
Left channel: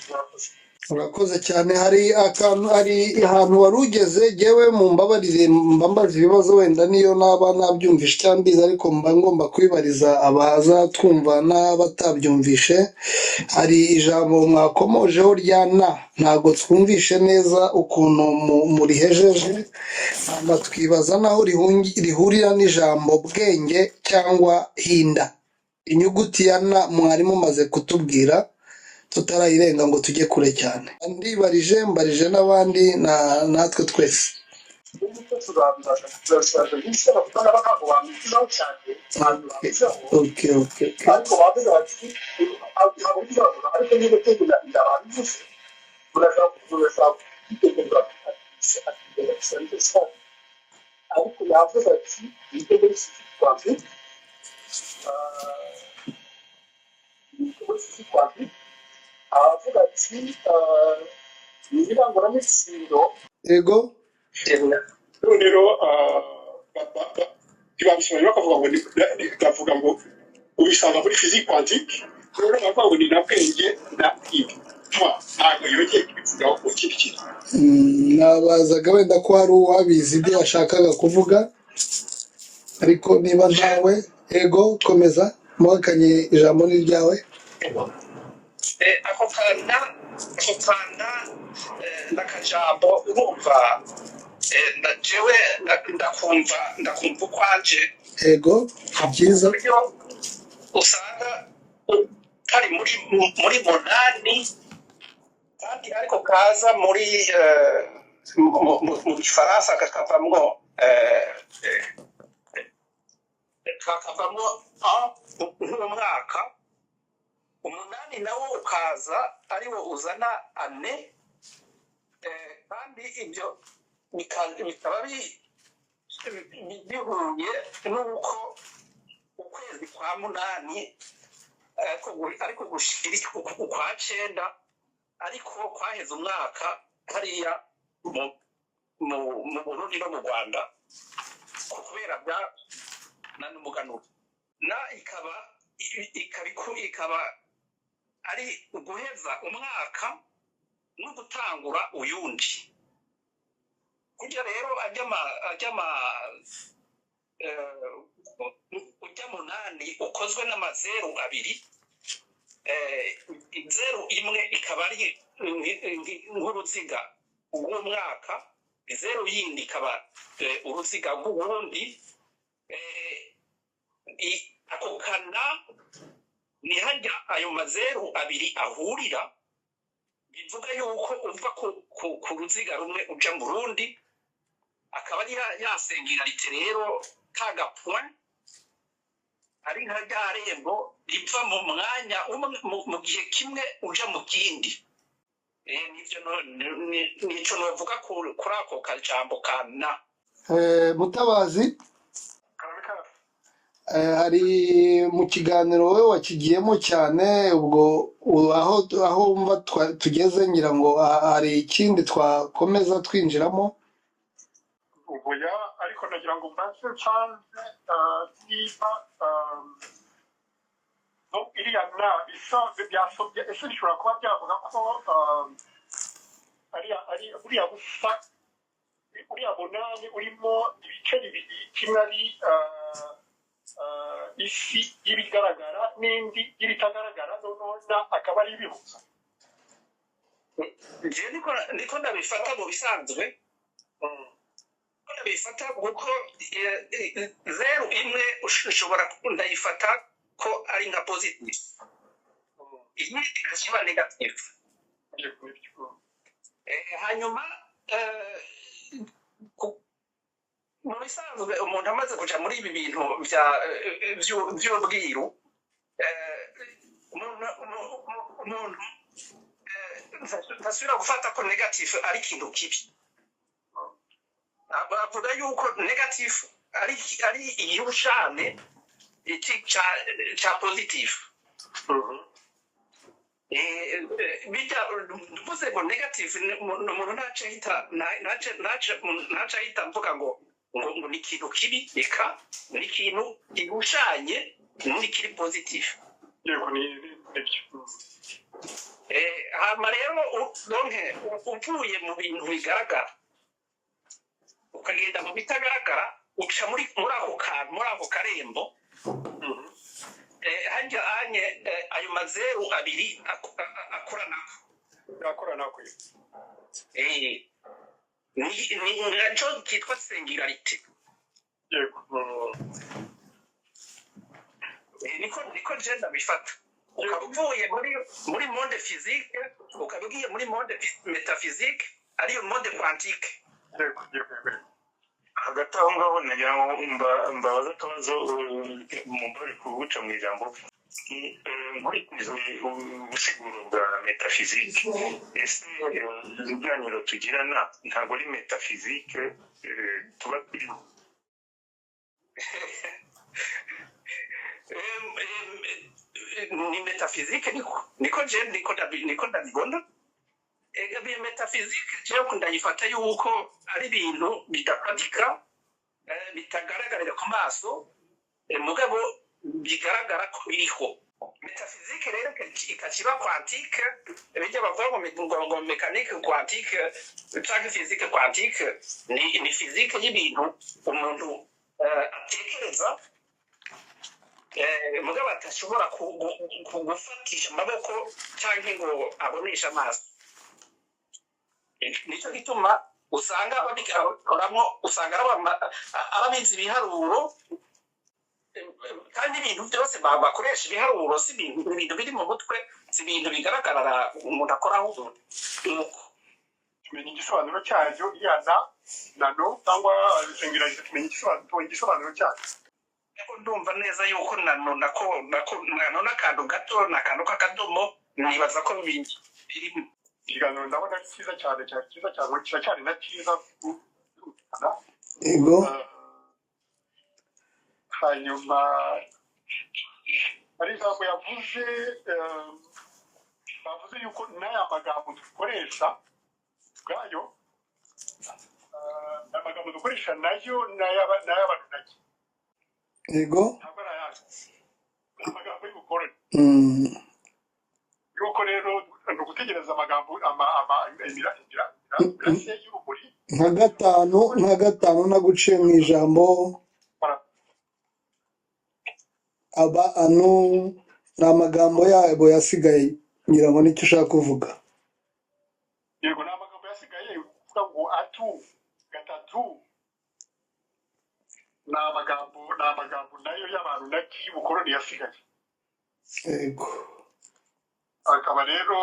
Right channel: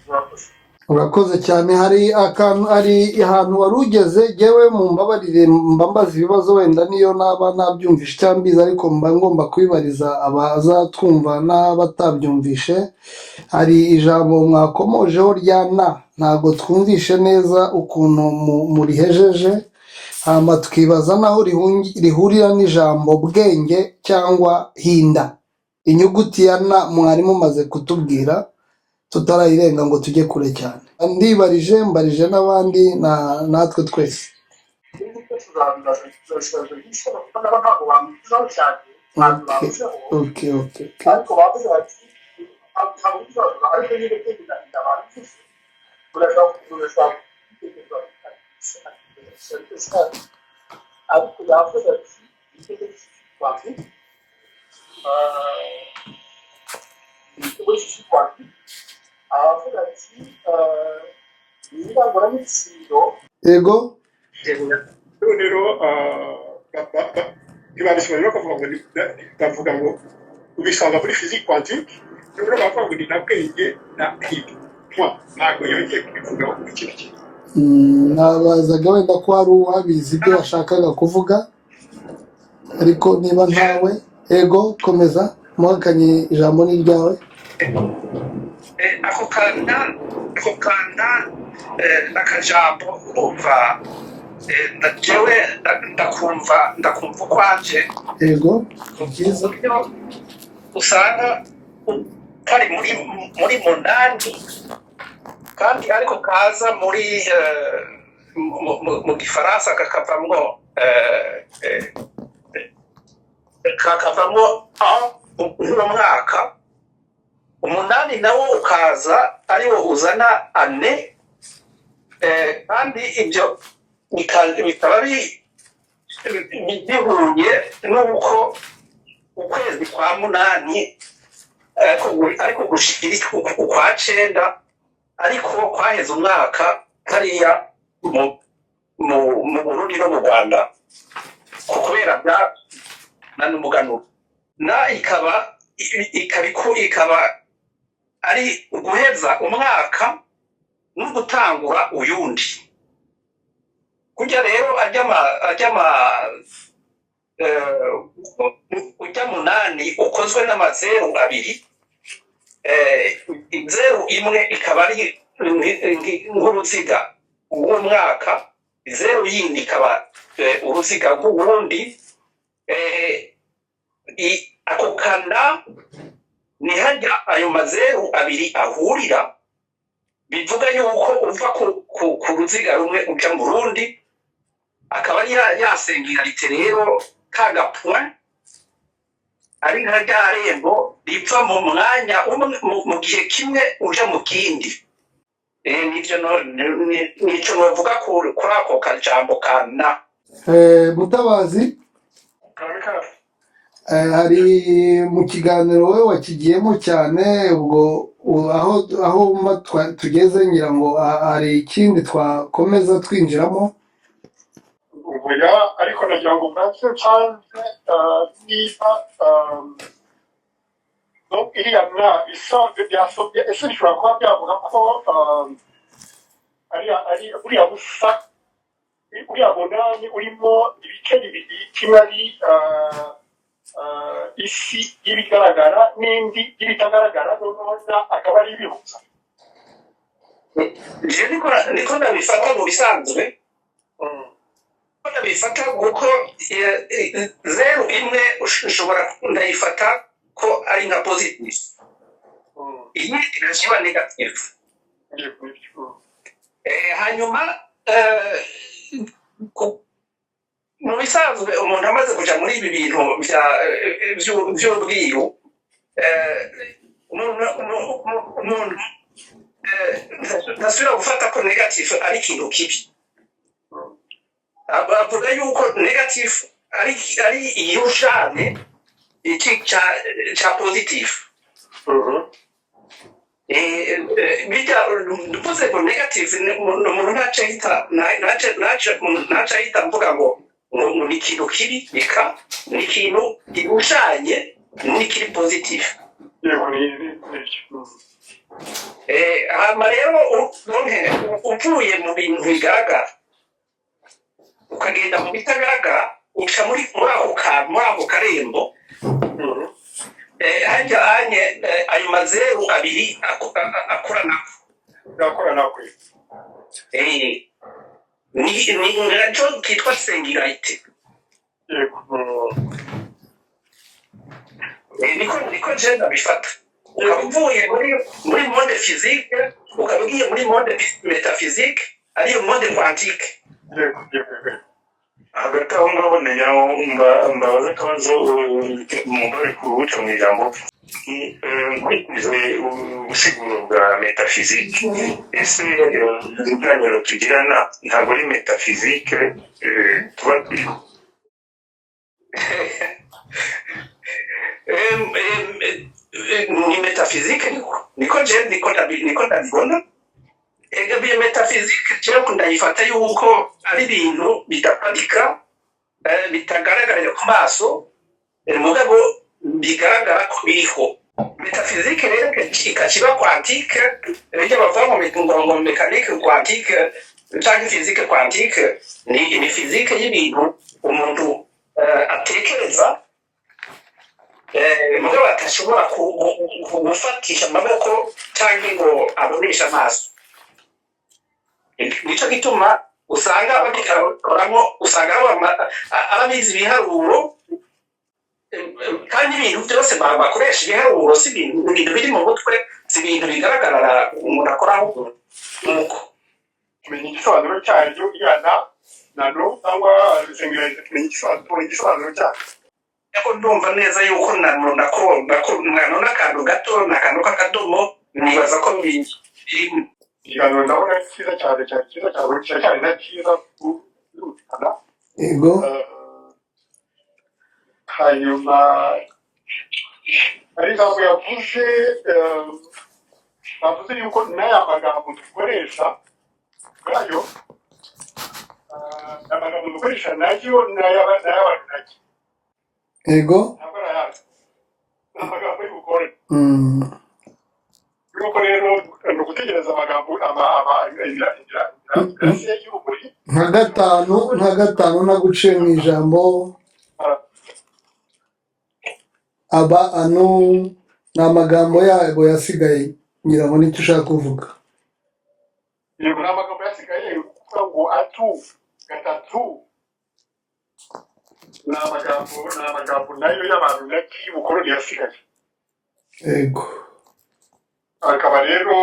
murakoze. urakoze cyane. hari ahantu wari ugeze yewe mu mbabarire mbaza ibibazo wenda niyo naba nabyumvishe cyangwa mbizi ariko mba ngomba kubibariza abazatwumva n'abatabyumvishe. hari ijambo mwakomojeho rya ntabwo twumvishe neza ukuntu murihejeje, hama twibaza naho rihurira n'ijambo bwenge cyangwa hinda. inyuguti ya mwari mumaze kutubwira tutarayirenga ngo tujye kure cyane. mbarije n'abandi natwe twese. Okay. ariko yavuze ati igitego cy'ikwanti aravuga ati ibiranguramitsindo yego rero ntibabishoboye bakavuga ngo ndavuga ngo ubisanga muri physique quantique rero bavuga ngo ni na bwenge na kwiga ntabwo yongeye kubivugaho mu kindi kintu. nabazaga wenda ko hari uwabizi ibyo yashakaga kuvuga ariko niba ntawe yego komeza muhakanye ijambo ni ryawe. ako kana n'akajambo urumva jewe ndakumva ukwanje yego byiza usanga kari muri munani kandi ariko kaza muri mu gifaransa kakavamwo uno mwaka umunani nawo ukaza ariwo uzana ane kandi ibyo bikaba bihuye n'uko ukwezi kwa munani ariko gushikira ukwa cenda ariko kwaheze umwaka hariya mu Burundi no mu Rwanda kubera na n'umuganuro ikaba ari uguheza umwaka no gutangura uyundi. Kurya rero ujya munani ukozwe n'amazeru abiri, zeru imwe ikaba ari nk'uruziga rw'umwaka, zeru yindi ikaba uruziga rw'ubundi. ako kana ni hajya ayo mazeru abiri ahurira, bivuga yuko uva ku ruziga rumwe uja mu rundi, akaba ari ya singularité rero ka gapoint ari nka rya rembo riva mu mwanya mu gihe kimwe uja mu kindi. Nico novuga kuri ako kajambo kana. Mutabazi, hari mu kiganiro wowe wakigiyemo cyane, ubwo aho tugeze ngira ngo hari ikindi twakomeza twinjiramo. ubuya ariko nagira ngo bwacyo canke niba iriya bisanzwe byasobye ese bishobora kuba byavuga ko ari buriya busa uriya munani urimo ibice bibiri, kimwe ari isi y'ibigaragara n'indi y'ibitagaragara, noneho akaba ari ibibutsa. Niko ndabifata mu bisanzwe bifata kuko zeru imwe ushobora ndayifata ko ari nka positive iyi irashobora negative hanyuma mu bisanzwe umuntu amaze kuja muri ibi bintu by'ubwiru umuntu ntasubira gufata ko negative ari ikintu kibi avuga yuko negative ari irushane iki ca positive bijya duvuze ko negative umuntu ntaca ahita mvuga ngo ni ikintu kibi reka ni ikintu gihushanye n'ikiri positive hama rero uvuye mu bintu bigaragara ukagenda mu bitagaragara uca muri ako karembo hajya hanye ayo mazeru abiri akoranako ni nacyo kitwa singularity niko genda bifata ukaba uvuye muri monde physique ukaba ugiye muri monde metaphysique ariyo monde quantique hagati aho ngaho mbabaza akabazo mubari kubuca mu ijambo nkurikije ubusiguro bwa metafizike ese ibiganiro tugirana ntabwo ari metafizike tuba turiho ni metafizike niko ndabibona iyo metafizike rero ndayifata yuko ari ibintu bidafatika bitagaragarira ku maso mugabo bigaragara ko biriho metafizike rero ikakiba quantique ibyo bavuga ngo mekanike quantique cyangwa fizike quantique ni fizike y'ibintu umuntu atekereza mugabo atashobora gufatisha amaboko cyangwa ngo abonesha amaso nicyo gituma usanga babikoramo usanga ababizi ibiharuro kandi ibintu byose bakoresha ibiharuro si ibintu biri mu mutwe si ibintu bigaragara umuntu akoraho nuko kumenya igisobanuro cyaryo iyana nano cyangwa singularity kumenya igisobanuro cyaryo ariko ndumva neza yuko nako n'akantu gato n'akantu k'akadomo nibaza ko birimo ikiganiro ndabona cyiza cyane cyane na cyiza kurutana yego hanyuma ari ijambo yavuze bavuze yuko n'aya magambo dukoresha ubwayo amagambo dukoresha nayo n'ay'abantu nake yego ntabwo arayazi ni amagambo y'ubukore yuko rero ni ugutegereza amagambo inzira y'urumuri nka gatanu ntaguciye mu ijambo aba ano ni amagambo yabo yasigaye ngira ngo nicyo ushaka kuvuga yego ni amagambo yasigaye kuvuga ngo atu gatatu ni amagambo nayo y'abantu naki y'ubukoroni yasigaye yego akaba rero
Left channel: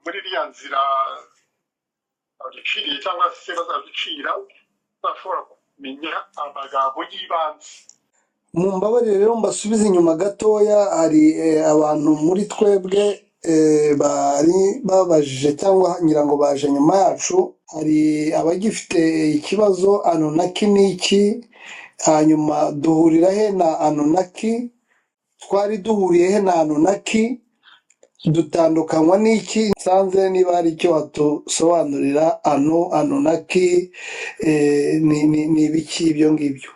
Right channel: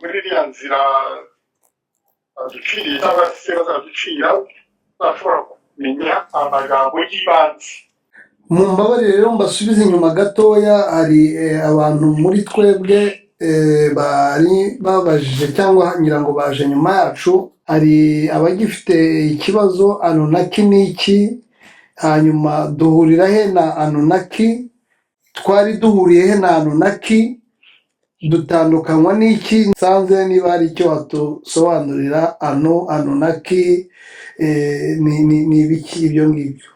muri iriya nzira duciriye cyangwa se bazaducira bashobora kumenya amagambo y'ibanze mu mbabarire rero mbasubize inyuma gatoya hari abantu muri twebwe bari babajije cyangwa ngira ngo baje nyuma yacu hari abagifite ikibazo anonaki n'iki hanyuma duhurira he na anonaki twari duhuriye he na anonaki dutandukanywa n'iki nsanze niba hari icyo watusobanurira anonaki ni ibiki ibyo ngibyo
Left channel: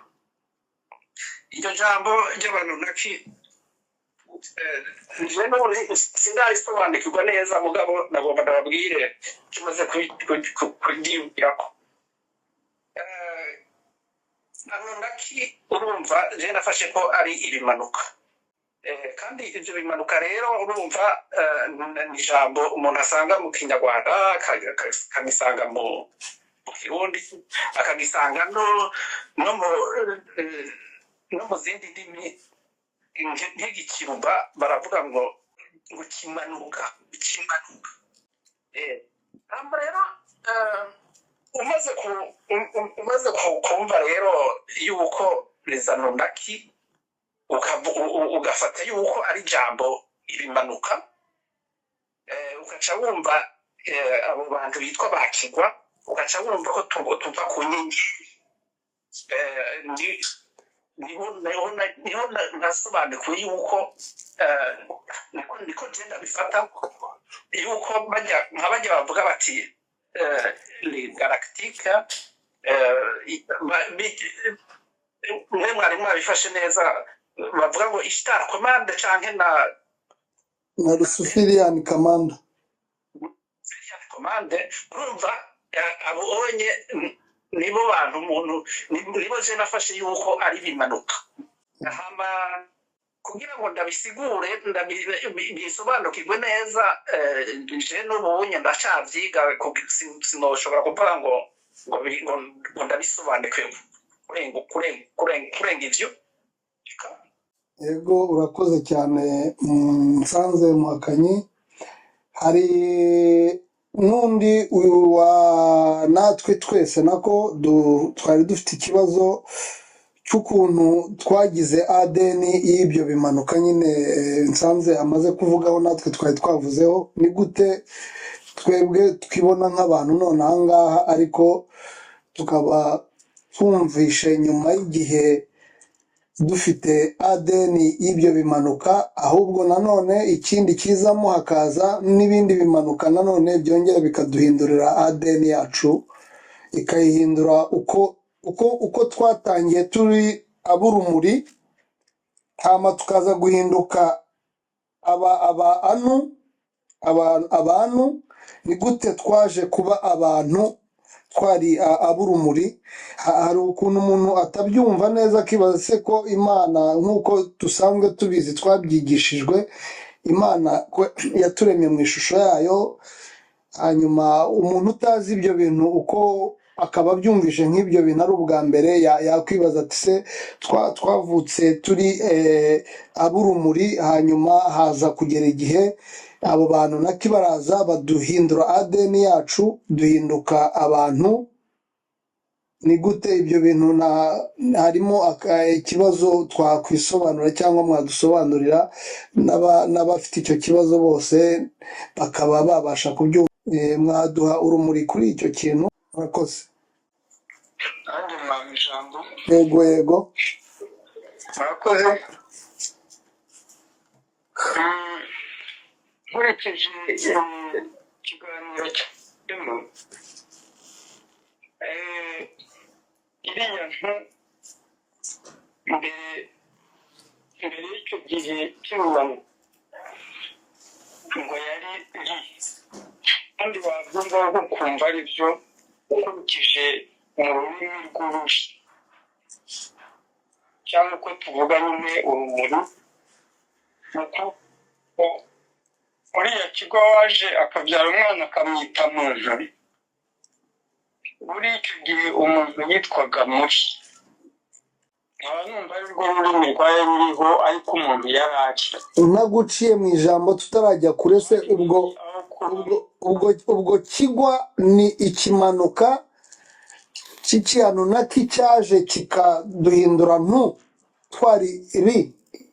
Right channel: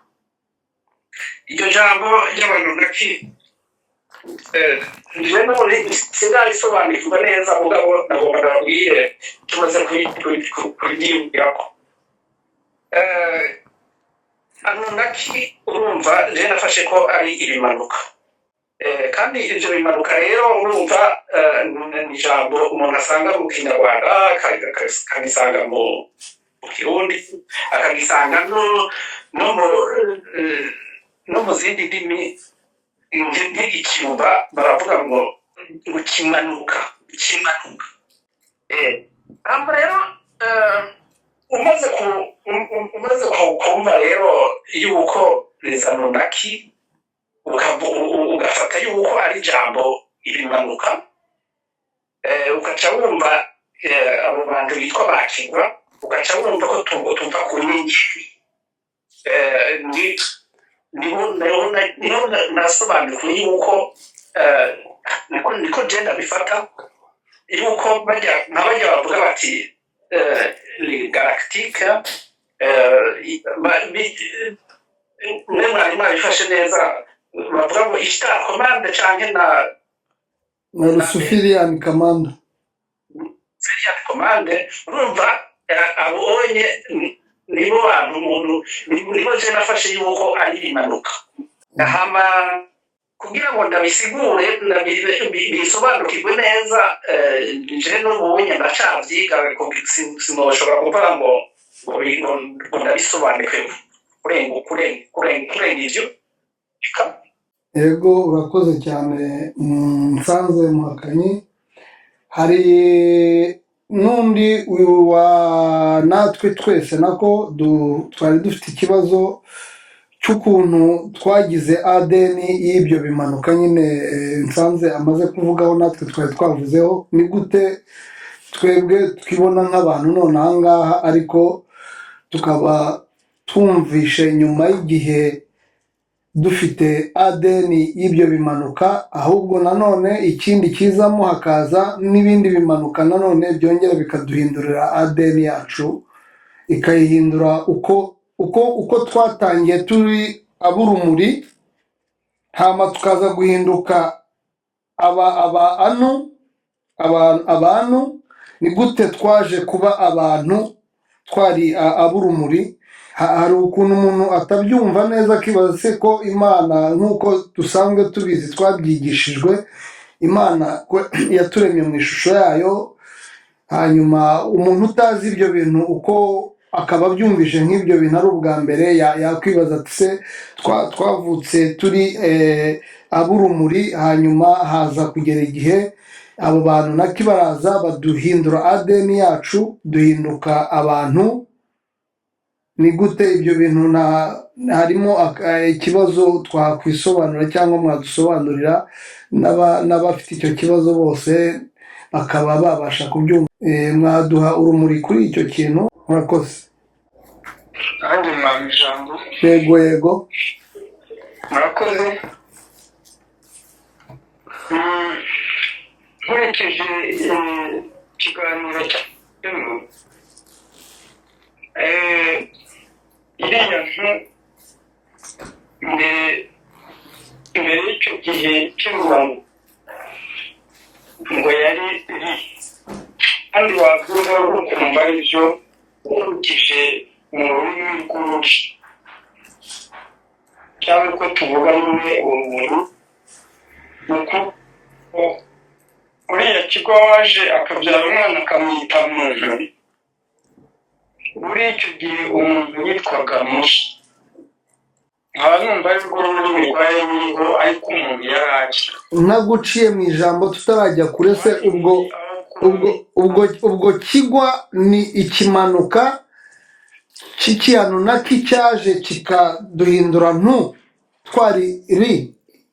iryo jambo ry'abanonaki rero sinarisobanukirwa neza mugabo nagomba nababwire tumaze kuryibwirako anonaki urumva rero nafashe ko ari ibimanuka kandi ibyo bimanuka rero urumva ni ijambo umuntu asanga mu kinyarwanda akabisanga mu kirundi akagisanga no mu no mu zindi ndimi nk'ikiruba baravuga ngo kimanuka. Hamba rero umaze kumva rero yuko rezanonaki ugafata yuko ari ijambo ibimanuka, ugaca wumva abo bantu bitwa bakigwa, ugaca wumva ko tuva ku nkingi. niho nasobanukiwe yuko niko genda bifata yuko bajya bavuga bati galactique mwari mwabifashe neza, bavuga ngo ishtar commande canke na Luciferian Command. komande. Urumva abonye nibo bantu umuntu nibo je nafashe yuko ari impanuka. Hama kugira ngo ndabisigure bisobanukirwe neza, je n'ubonye ndacavyiga sinoshobora kuvuga ngo ndabisobanukiwe kurenga ivyo. Yego urakoze cyane Nsanze Muhakanyi. Hari n'undi wa natwe twese nako twari dufite ikibazo cy'ukuntu twagize ADN y'ibyo bimanuka nyine Nsanze amaze kuvugaho, natwe twari twavuzeho ni gute twebwe twibona nk'abantu none aha ngaha, ariko tukaba twumvishe nyuma y'igihe dufite ADN y'ibyo bimanuka, ahubwo nanone ikindi kizamo hakaza n'ibindi bimanuka nanone byongera bikaduhindurira ADN yacu, ikayihindura uko twatangiye turi ab'urumuri, hama tukaza guhinduka abantu. Ni gute twaje kuba abantu twari ab'urumuri? Hari ukuntu umuntu atabyumva neza akibaza se ko Imana nk'uko dusanzwe tubizi twabyigishijwe, Imana yaturemye mu ishusho yayo, hanyuma umuntu utazi ibyo bintu uko akaba abyumvise nk'ibyo bintu ari ubwa mbere, yakwibaza ati se twavutse turi ab'urumuri, hanyuma haza kugera igihe abo bantu nako baraza baduhindura ADN yacu duhinduka abantu. Ni gute ibyo bintu? harimo ikibazo twakwisobanura cyangwa mwadusobanurira n'abafite icyo kibazo bose bakaba babasha kubyumva, mwaduha urumuri kuri icyo kintu? Murakoze. nanjye mwaba ijambo. Yego murakoze. nkurikije ikiganiro cyarimo iriya ntu mbere y'icyo gihe cy'umurongo ngo yari kandi wabyumva ukumva aribyo ukurikije mu rurimi rw'umuco cyangwa uko tuvuga nyine urumuri. nuko uriya kigo waje akabyara umwana akamwita Mujuri. muri icyo gihe umuntu yitwaga Mushi. nkaba numva ari rwo rurimi rwari ruriho, ariko umuntu yari azi. naguciye mu ijambo tutarajya kure se, ubwo kigwa ni ikimanuka cy'ikiyanunaki cyaje kikaduhindura ntu twari ri,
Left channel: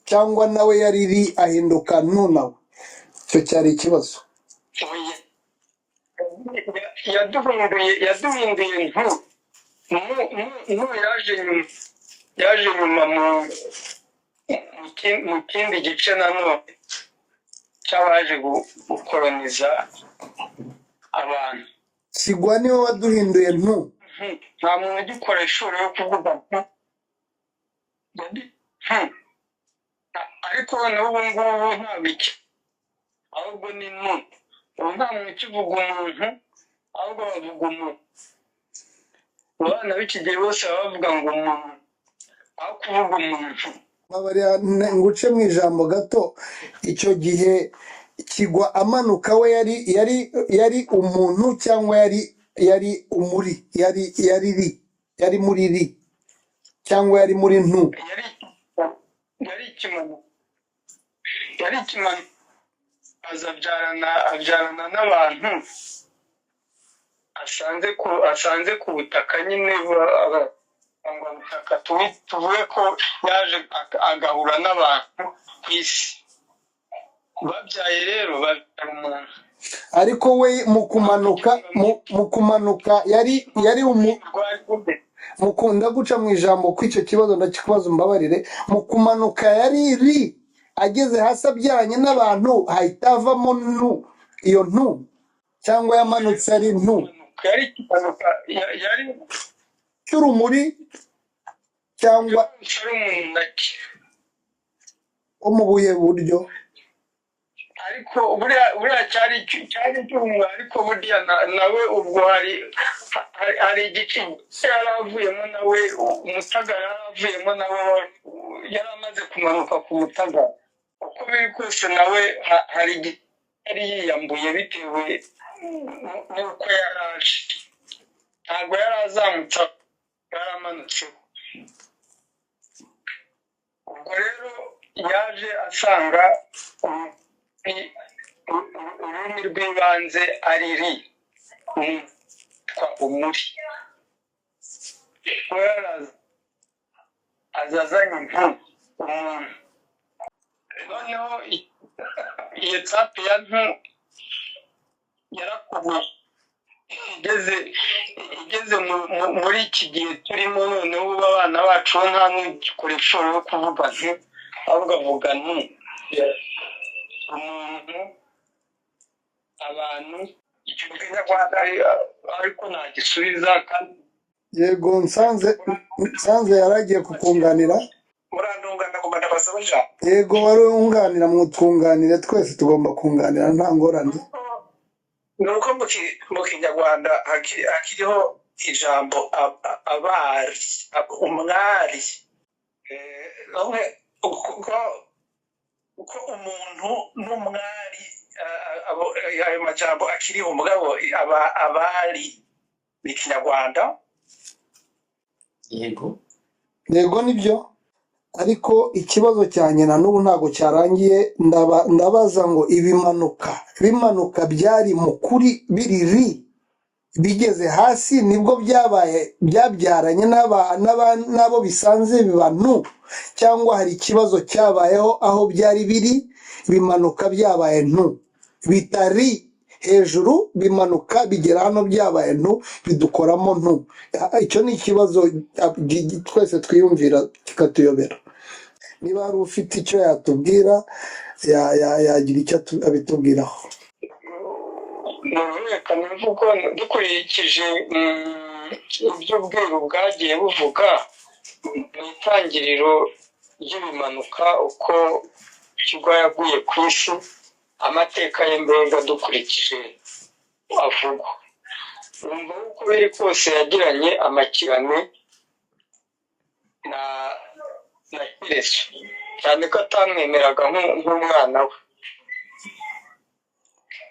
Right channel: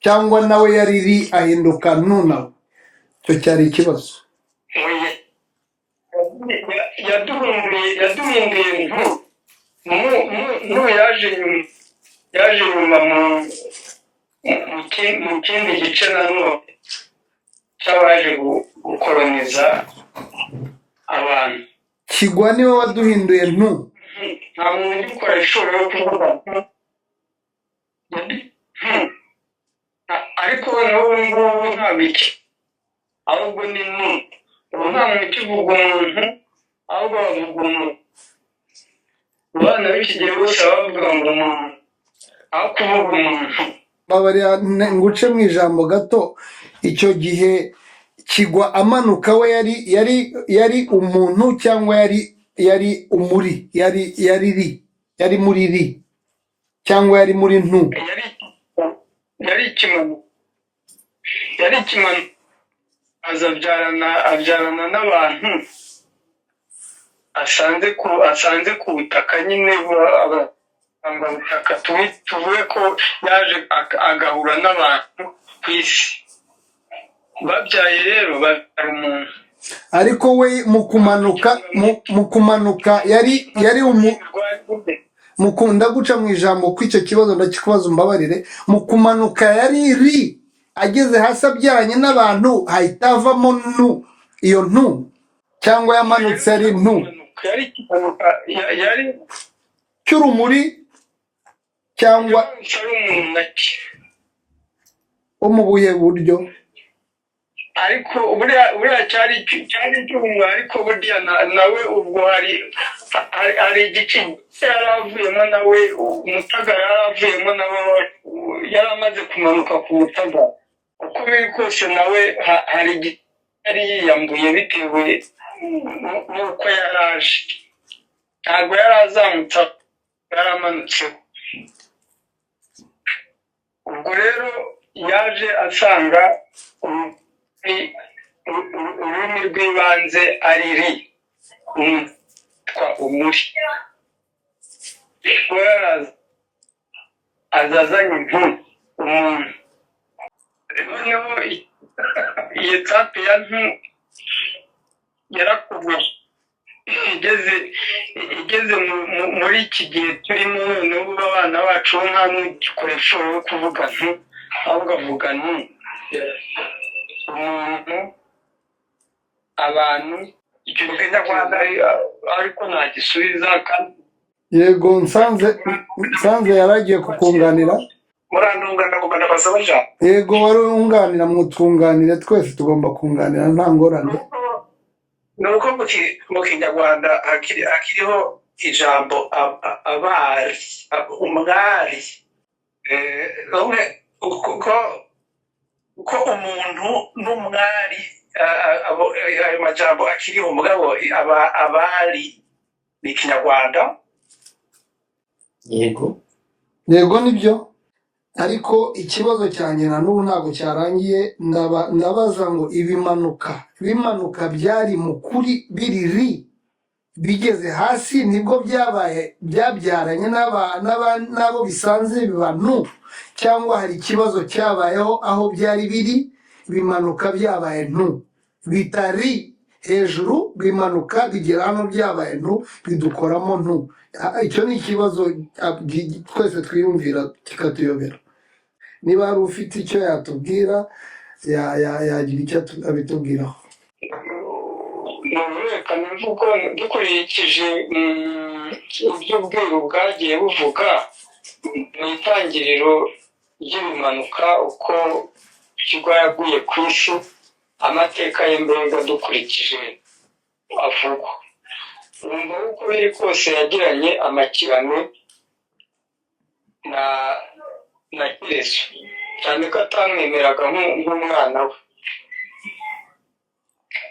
cyangwa nawe yari ri ahinduka ntu nawe? icyo cyari ikibazo. yaduhinduye ntu yaje nyuma mu kindi gice nanone cy'abaje gukoroniza abantu. kigwa niwe waduhinduye ntu? nta muntu ugikora ishoboye kuvuga ariko n'ubu ngubu nta bice, ahubwo ni ntu. ubu nta muntu ukivuga umuntu, ahubwo bavuga umuntu. abana b'iki gihe bose baba bavuga ngo umuntu aho kuvuga umuntu. babarira nguce mu ijambo gato. icyo gihe kigwa amanuka we yari umuntu cyangwa yari yari umuri, yari muri ri cyangwa yari muri ntu? yari ikimanuka yari ikimanuka aza abyarana n'abantu asanze ku butaka nyine butaka tuvuge ko yaje agahura n'abantu ku isi babyaye rero babyara umuntu. Ariko we mu kumanuka yari mukunda guca mu ijambo ko icyo kibazo ndakikubaza umbabarire. Mu kumanuka yari ri, ageze hasi abyaranye n'abantu hahita havamo nu, iyo ntu, cyangwa yamanutse ari ntu yari ikimanuka yari cy'urumuri cyangwa ari umuntu naki wo mu buye buryo? ariko buriya cyari icy'umuntu, ariko burya nawe ubwo hari igice yaravuyemo nawe, umutaga yaravuyemo nawe, yari amaze kumanuka ku mutaga. Uko biri kose nawe hari igice yari yiyambuye bitewe n'uko yaraje, ntabwo yari azamutse, yari amanutseho. Ubwo rero yaje asanga ururimi rw'ibanze ari ri, umuri. azazanye umuntu. Noneho iyo tape ya ntu yarakubuye, igeze muri iki gihe turimo noneho ubu abana bacu nta n'igikoresho yo kuvuga ntu, ahubwo avuga ntu. Umuntu, abantu, icyo kinyarwanda ariko ntagisubiza kandi. Yego, nsanze yaragiye kukunganira. Murandungana kugana basaba ja. Yego, wari wunganira, mutwunganire, twese tugomba kunganira nta ngorane. Nuko mu kinyarwanda hakiriho ijambo abari, umwari. Uko umuntu n'umwari, ayo majambo akiriho, umugabo abari ni kinyarwanda. Yego nibyo, ariko ikibazo cyanjye na n'ubu ntabwo cyarangiye. Ndabaza ngo bimanuka byari mu kuri biriri, bigeze hasi nibwo byabyaranye n'abo bisanze biba ntu, cyangwa hari ikibazo cyabayeho aho byari biri bimanuka byabaye ntu, bitari hejuru bimanuka bigera hano byabaye ntu, bidukoramo ntu. Icyo ni ikibazo twese twiyumvira kikatuyobera. Niba hari ufite icyo yatubwira, yagira icyo abitubwiraho. Reka mvugo dukurikije ibyo ubwiru bwagiye buvuga mu itangiriro ry'ibimanuka, uko Kigwa yaguye ku isi, amateka ye mbega dukurikije avugwa, wumva uko biri kose yagiranye amakirane na Yesu, cyane ko atamwemeraga nk'umwana we,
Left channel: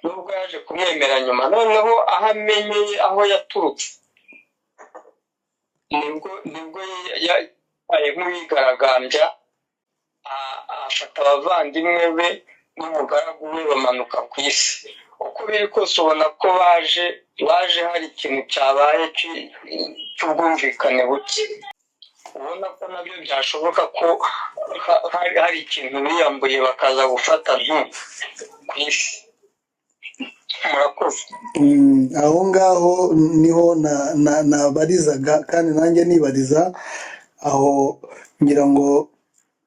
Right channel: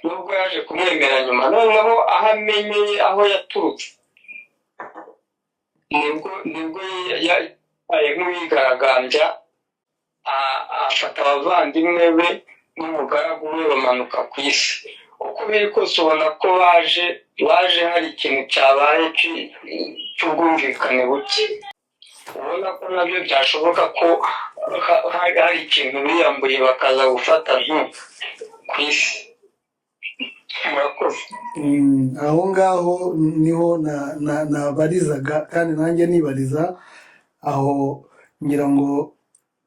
nubwo yaje kumwemera nyuma. Noneho aho amenyeye aho yaturutse, nibwo yabaye nk'uwigaragambya, afata abavandimwe be n'umugaragu we bamanuka ku isi. Uko biri kose ubona ko baje hari ikintu cyabaye cy'ubwumvikane buke, ubona ko nabyo byashoboka ko hari ikintu biyambuye bakaza gufata ntu ku isi. Murakoze. Aho ngaho niho nabarizaga, kandi nanjye nibariza aho, ngira ngo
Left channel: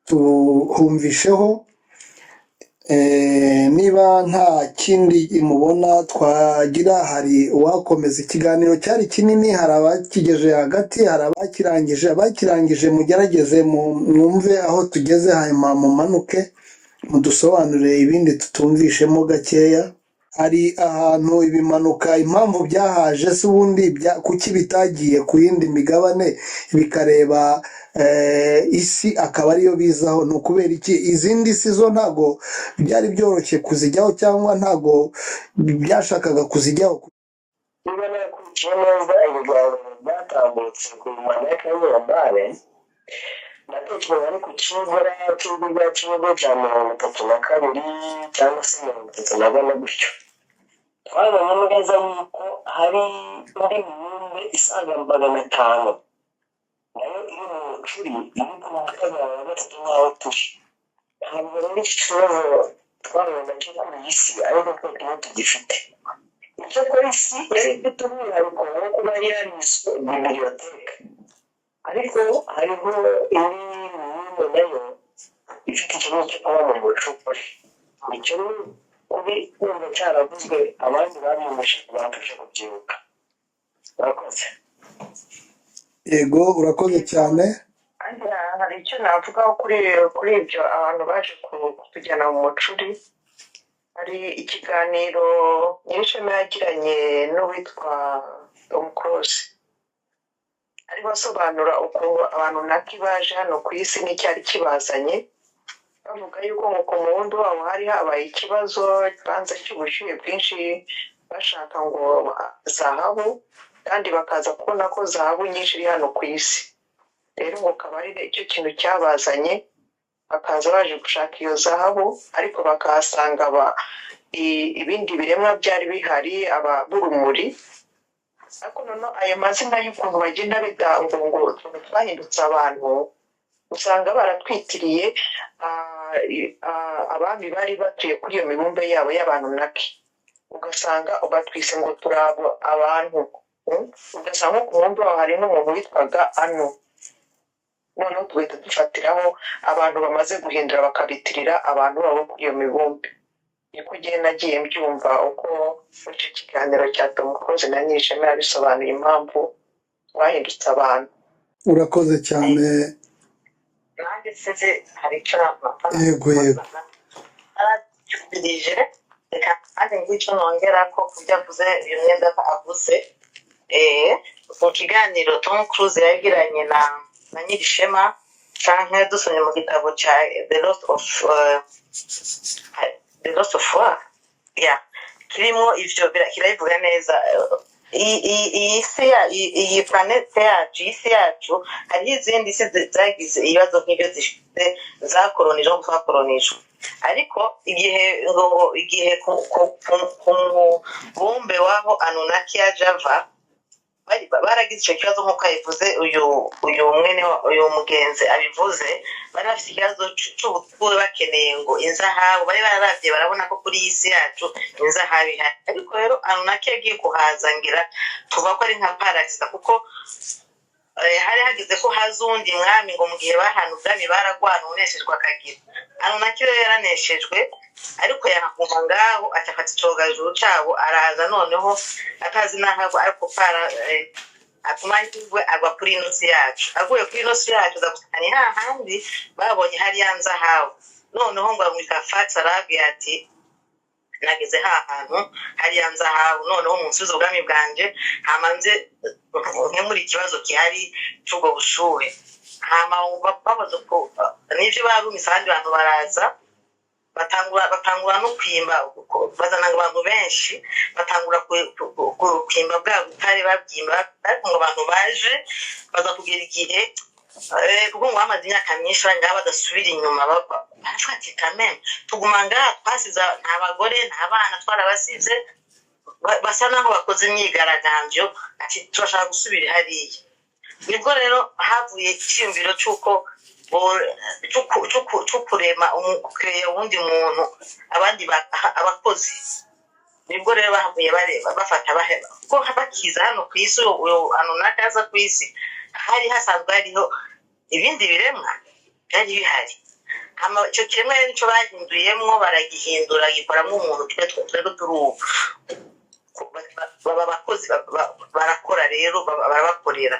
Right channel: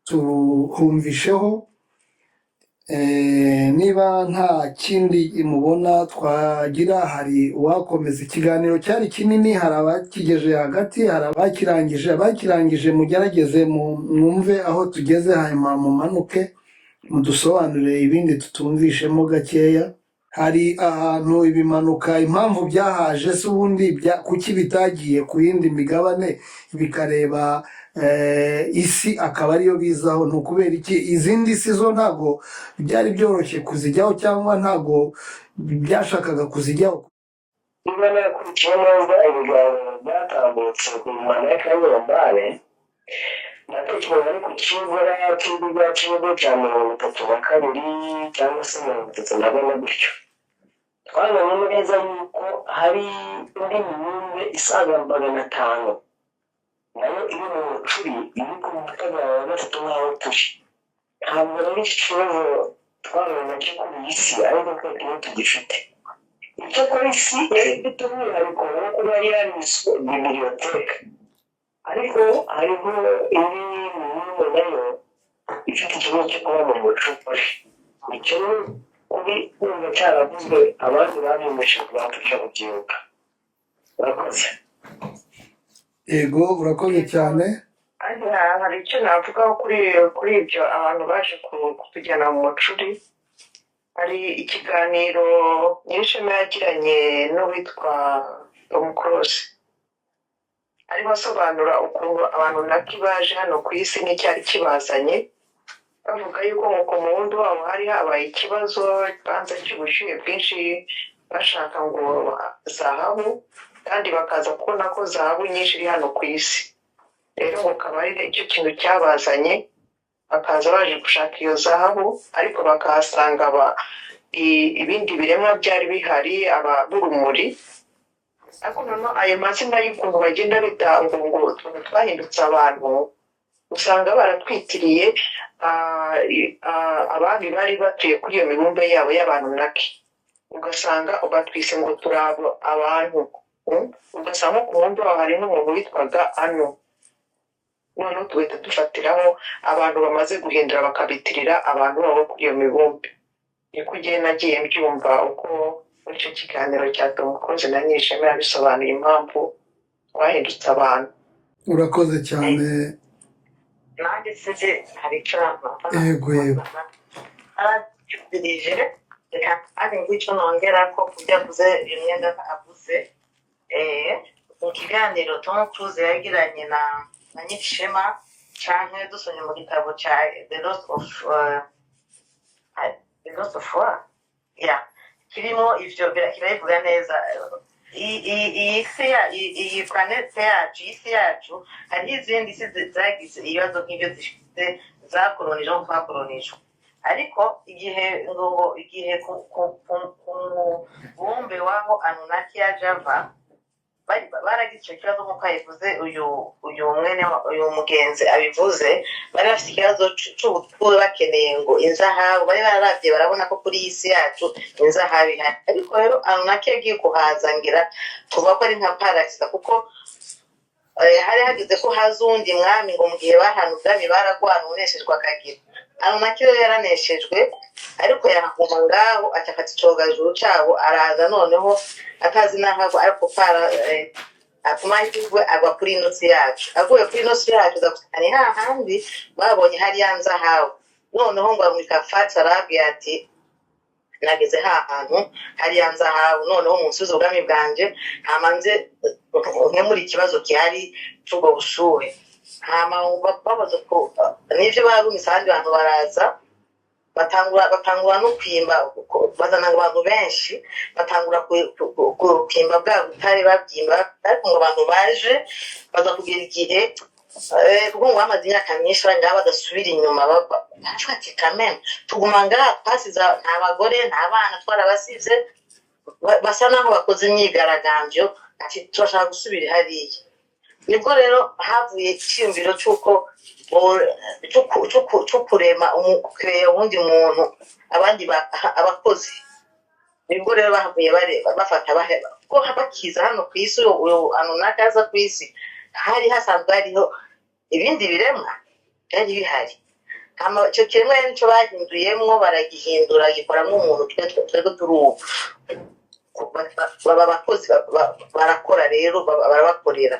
tuhumvisheho. Niba nta kindi mubona twagira, hari uwakomeza. Ikiganiro cyari kinini, hari abakigeje hagati, hari abakirangije mugerageze mwumve aho tugeze, hanyuma mumanuke mudusobanurire ibindi tutumvishemo gakeya. Hari ahantu ibimanuka impamvu byahaje, se ubundi kuki bitagiye ku yindi migabane bikareba isi akaba ariyo bizaho? Ni ukubera iki? Izindi si zo ntabwo byari byoroshye kuzijyaho, cyangwa ntabwo byashakaga kuzijyaho? niba nakurikiye neza ibiganiro byatambutse ku Rwanda y'Akanyambare natekereza ari ku kibura cy'ibigo cy'ibigo cya 32 cyangwa se 34 gutyo twabonye neza yuko hari indi mibumbe isaga 500 nayo iri mu mucuri iri ku mutego wa gatatu nk'aho turi ntabwo rero iki kibazo twabona cyo kuri iyi si ariko twebwe tugifite icyo kuri isi yari ifite umwihariko wo kuba yariswe bibliyoteke ariko hariho indi mibumbe nayo ifite ikibazo cyo kuba mu mucuri icyo kubi kumva cyaravuzwe abandi babimushe kubafasha kubyibuka urakoze yego urakoze cyane hari icyo navugaho kuri ibyo abantu baje kutujyana mu mucuri hari ikiganiro nyirishema yagiranye n'uwitwa Tom Close arimo asobanura ukuntu abantu naki baje hano ku isi n'icyari kibazanye bavuga yuko nk'uko mu wundi wabo hari habaye ikibazo kibanza cy'ubushyuhe bwinshi bashaka ngo zahabu kandi bakaza kubona ko zahabu nyinshi iri hano ku isi rero ngo akaba ari icyo kintu cyabazanye bakaza baje gushaka iyo zahabu ariko bakahasanga ibindi biremwa byari bihari b'urumuri ariko noneho ayo mazina y'ukuntu bagenda bitanga ngo utuntu twahindutse abantu usanga baratwitiriye abandi bari batuye kuri iyo mibumbe yabo y'abantu naki ugasanga batwise ngo turi abantu ugasanga ku mubumbe waho hari n'umuntu witwaga ano noneho tugahita dufatiraho abantu bamaze guhindura bakabitirira abantu babo kuri iyo mibumbe niko ugiye nagiye mbyumva uko muri icyo kiganiro cya Tom Close na Nyirishema yabisobanuye impamvu twahindutse abantu urakoze cyane nanjye sinzi hari icyo yego aracyubirije reka kandi ngicyo nongera ko kujya avuze uyu mwenda avuze mu kiganiro Tom Close yagiranye na Nyirishema cyangwa dusomye mu gitabo cya The Lost of War kirimo ivyo kiravuga neza iyi planete yacu isi yacu hari izindi isi zagize ibibazo nk'ibyo zifite zakoronije mu twakoronijwe ariko igihe ku mubumbe waho Anunnaki ya Java baragize icyo kibazo nk'uko yabivuze uyu mugenzi abivuze bari bafite ikibazo cy'ubutwuru bakeneye ngo inzahabu bari bararabye barabona ko kuri iyi si yacu inzahabu ihari ariko rero Anunnaki yagiye kuhazangira tuvuga ko ari nka parasita kuko hari hageze ko haza uwundi mwami ngo mu gihe bahana ubwami baragwana uneshejwe akagira Anunnaki rero yaraneshejwe ariko yahaguma ngaho acafata icogajuru cabo araza noneho atazi n'aho ariko akumahirwe agwa kuri ino si yacu aguye kuri ino si yacu ni hahandi babonye hariya nzahabu noneho ngo amwika Fatsa arabwira ati nageze hantu hariya nzahabu noneho munsubiza ubwami bwanje hamanze nkemura ikibazo gihari cy'ubwo bushuhe hama babaza ko n'ivyo barumise ahandi bantu baraza batangura no kwimba bazana abantu benshi batangura kwimba bwa butare babyimba ariko ngo abantu baje baza kugira igihe kuko ngo bamaze imyaka myinshi ngaha badasubira inyuma bafatika meme tuguma ngaha twasize nta bagore nta bana twarabasize basa naho bakoze imyigaragambyo ati turashaka gusubira hariya nibwo rero havuye icyiyumviro cy'uko kurema uwundi muntu abandi abakozi nibwo rero bahavuye bafata baheba kuko bakiza hano ku isi uyu Anunnaki aza ku isi hari hasanzwe hariho ibindi biremwa byari bihari icyo kiremwa nicyo bahinduyemo baragihindura gikoramo umuntu twebwe turi ubu baba abakozi barakora rero barabakorera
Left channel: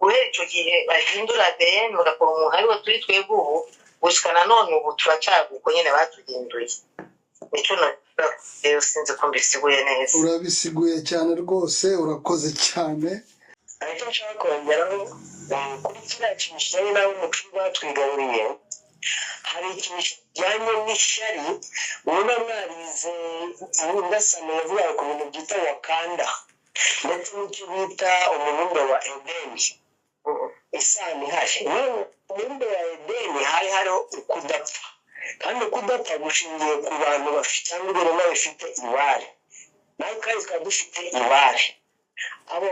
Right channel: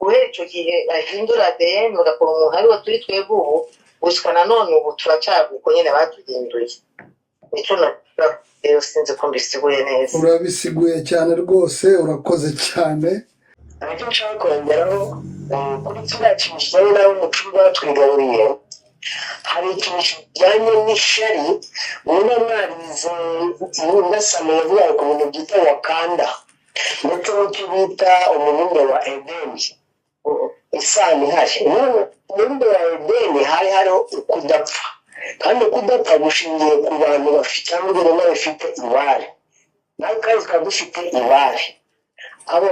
guhera icyo gihe bahindura ADN bagakora umuntu ariwo turi twebwe ubu gushika nanone ubu turacyaguko nyine batuhinduye nicyo rero sinzi ko mbisiguye neza urabisiguye cyane rwose urakoze cyane icyo nshaka kongeraho kuri kiriya kintu kijyanye n'abo umuco batwigaruriye hari ikintu kijyanye n'ishari ubona mwarize indasano yavuga ku bintu byitwa Wakanda ndetse n'icyo bita umubumbe wa edeni isano ihari. Umubumbe wa edeni hari hariho ukudapfa, kandi ukudapfa gushingiye ku bantu bafite cyangwa ibiremwa bifite ibare, nawe kandi tukaba dufite ibare. abo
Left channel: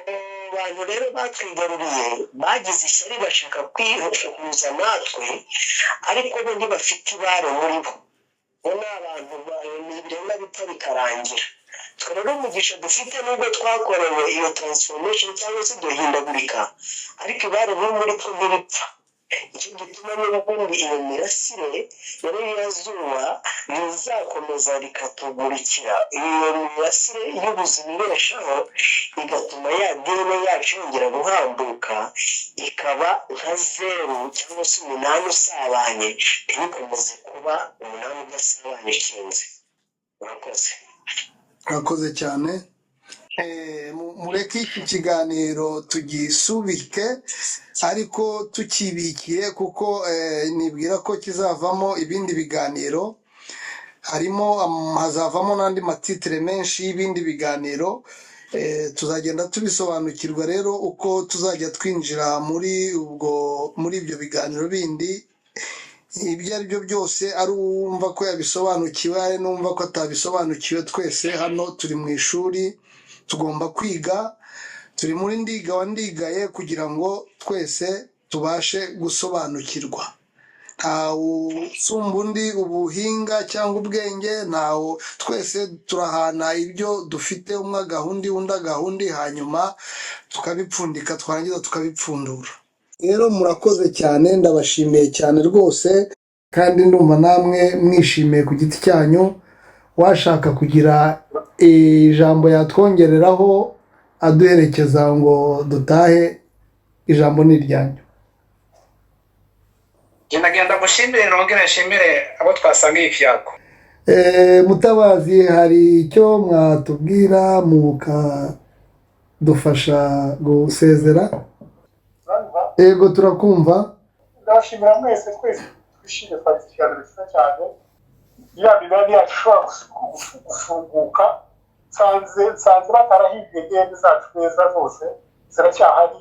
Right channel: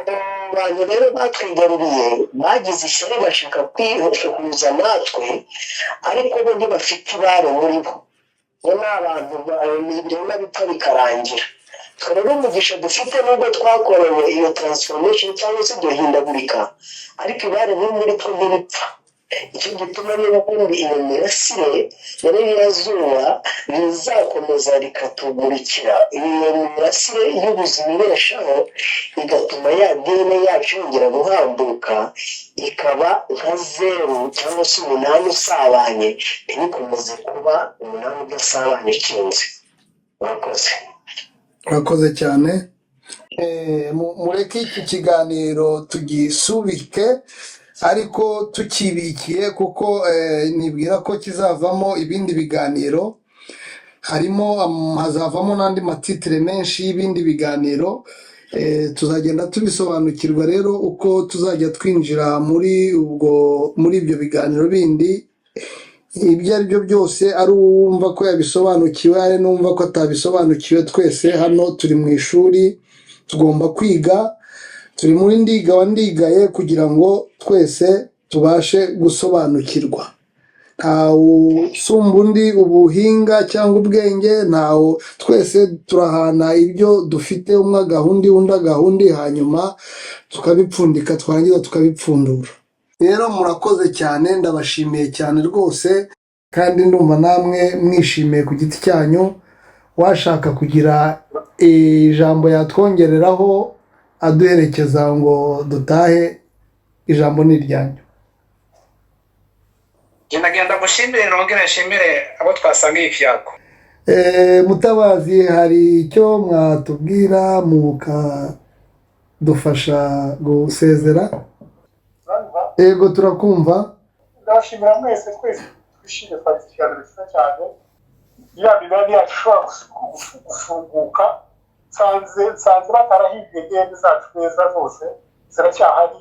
bantu rero batwigaruriye bagize ishyari bashaka kwihuza natwe, ariko bo ntibafite ibare muri bo. bo ni abantu ibiremwa bipfa bikarangira. twe rero umugisha dufite nubwo twakorewe iyo transformation cyangwa se duhindagurika, ariko ibare riri muri twe ntibipfa. icyo gituma n'ubundi iyo mirasire rero y'irazuba rizakomeza rikatumurikira. iyo mirasire y'ubuzima ibeshaho igatuma ya dini yacu yongera guhambuka, ikaba nka 0 cyangwa se 8 usabanye, ntibikomeze kuba 8 udasabanye ikinze. Murakoze cyane. Mureke iki kiganiro tugisubike, ariko tukibikiye kuko nibwira ko kizavamo ibindi biganiro. Hazavamo n'andi matitire menshi y'ibindi biganiro. Tuzagenda tubisobanukirwa rero uko tuzajya twinjira muri ibyo biganiro bindi. Ibyo ari byo byose, ari uwumva ko yabisobanukiwe, ari n'uwumva ko atabisobanukiwe, twese hano turi mu ishuri tugomba kwiga. Turi muri ndiga wa ndigaye kugira ngo twese tubashe gusobanukirwa. Ntawe usumba undi ubuhinga cyangwa ubwenge, twese turahana ibyo dufite, umwe agahundi undi agahundi, hanyuma tukabipfundika, twarangiza tukabipfundura. Rero murakoze cyane, ndabashimiye cyane rwose, kandi ndumva namwe mwishimiye ku giti cyanyu. Washaka kugira ijambo yatwongereraho aduherekeza ngo dutahe, ijambo ni iryanyu. nagenda mushimire nongere nshimire abo twasangiye ikiyago. Mutabazi, hari icyo mwatubwira mukadufasha gusezera? Yego, turakumva. ndabashimira mwese, twese twishimye, twagize ikiganiro cyiza cyane. ya mibare yacu ishobora gufunguka, nsanze batarahimbye gende zacu neza zose ziracyahari,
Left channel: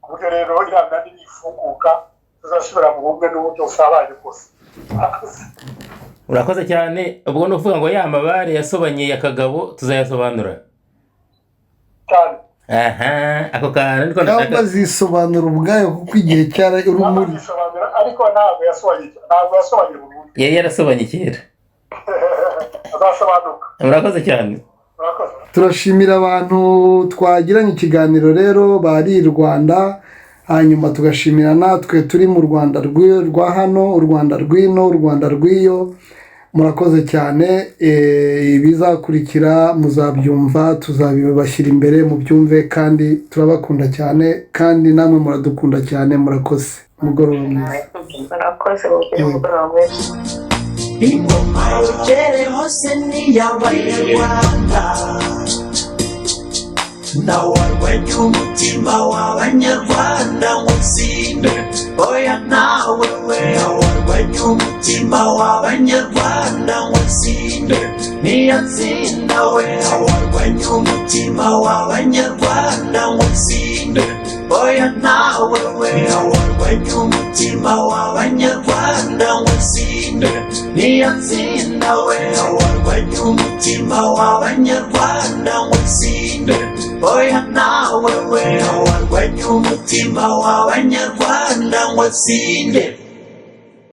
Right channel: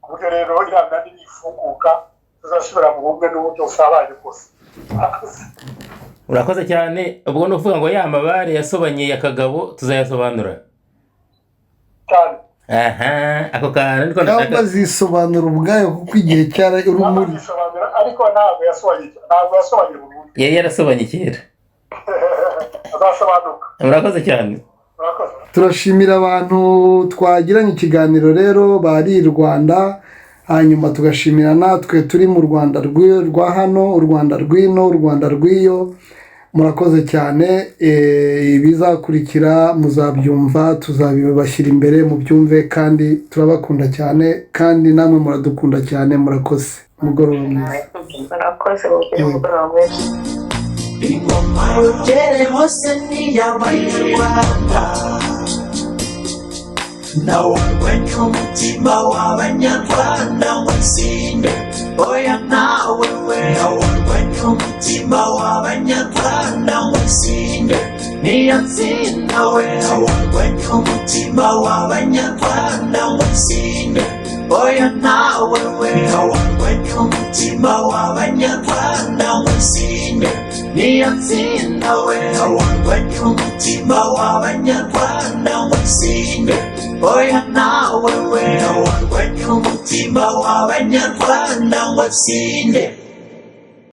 ku buryo rero iriya mibare nifunguka tuzasubira mu bumwe n'uburyo busabaye bwose. urakoze cyane. ubwo ni ukuvuga ngo ya mabare yasobanye ya Kagabo tuzayasobanura cyane. ako kantu niko ntabwo azisobanura ubwayo kuko igihe cyari urumuri, ariko ntabwo yasobanye burundu. yari yarasobanye kera. azasobanuka. murakoze cyane. turashimira abantu twagiranye ikiganiro rero bari i Rwanda, hanyuma tugashimira natwe turi mu Rwanda rwa hano, u Rwanda rw'ino, u Rwanda rw'iyo. Murakoze cyane. Ibizakurikira muzabyumva, tuzabibashyira imbere mubyumve, kandi turabakunda cyane, kandi namwe muradukunda cyane. Murakoze. Umugoroba mwiza. murakoze, mugire umugoroba mwiza. ingoma yogere hose ni iy'abanyarwanda, nawarwanya umutima w'abanyarwanda ngo utsinde. oya nawe we warwanya umutima w'abanyarwanda ngo utsinde. niyatsinda we warwanya umutima w'abanyarwanda ngo utsinde. oya nawe we warwanya umutima w'abanyarwanda ngo utsinde. niyatsinda we warwanya umutima w'abanyarwanda ngo utsinde. oya nawe we warwanya umutima w'abanyarwanda ngo utsinde.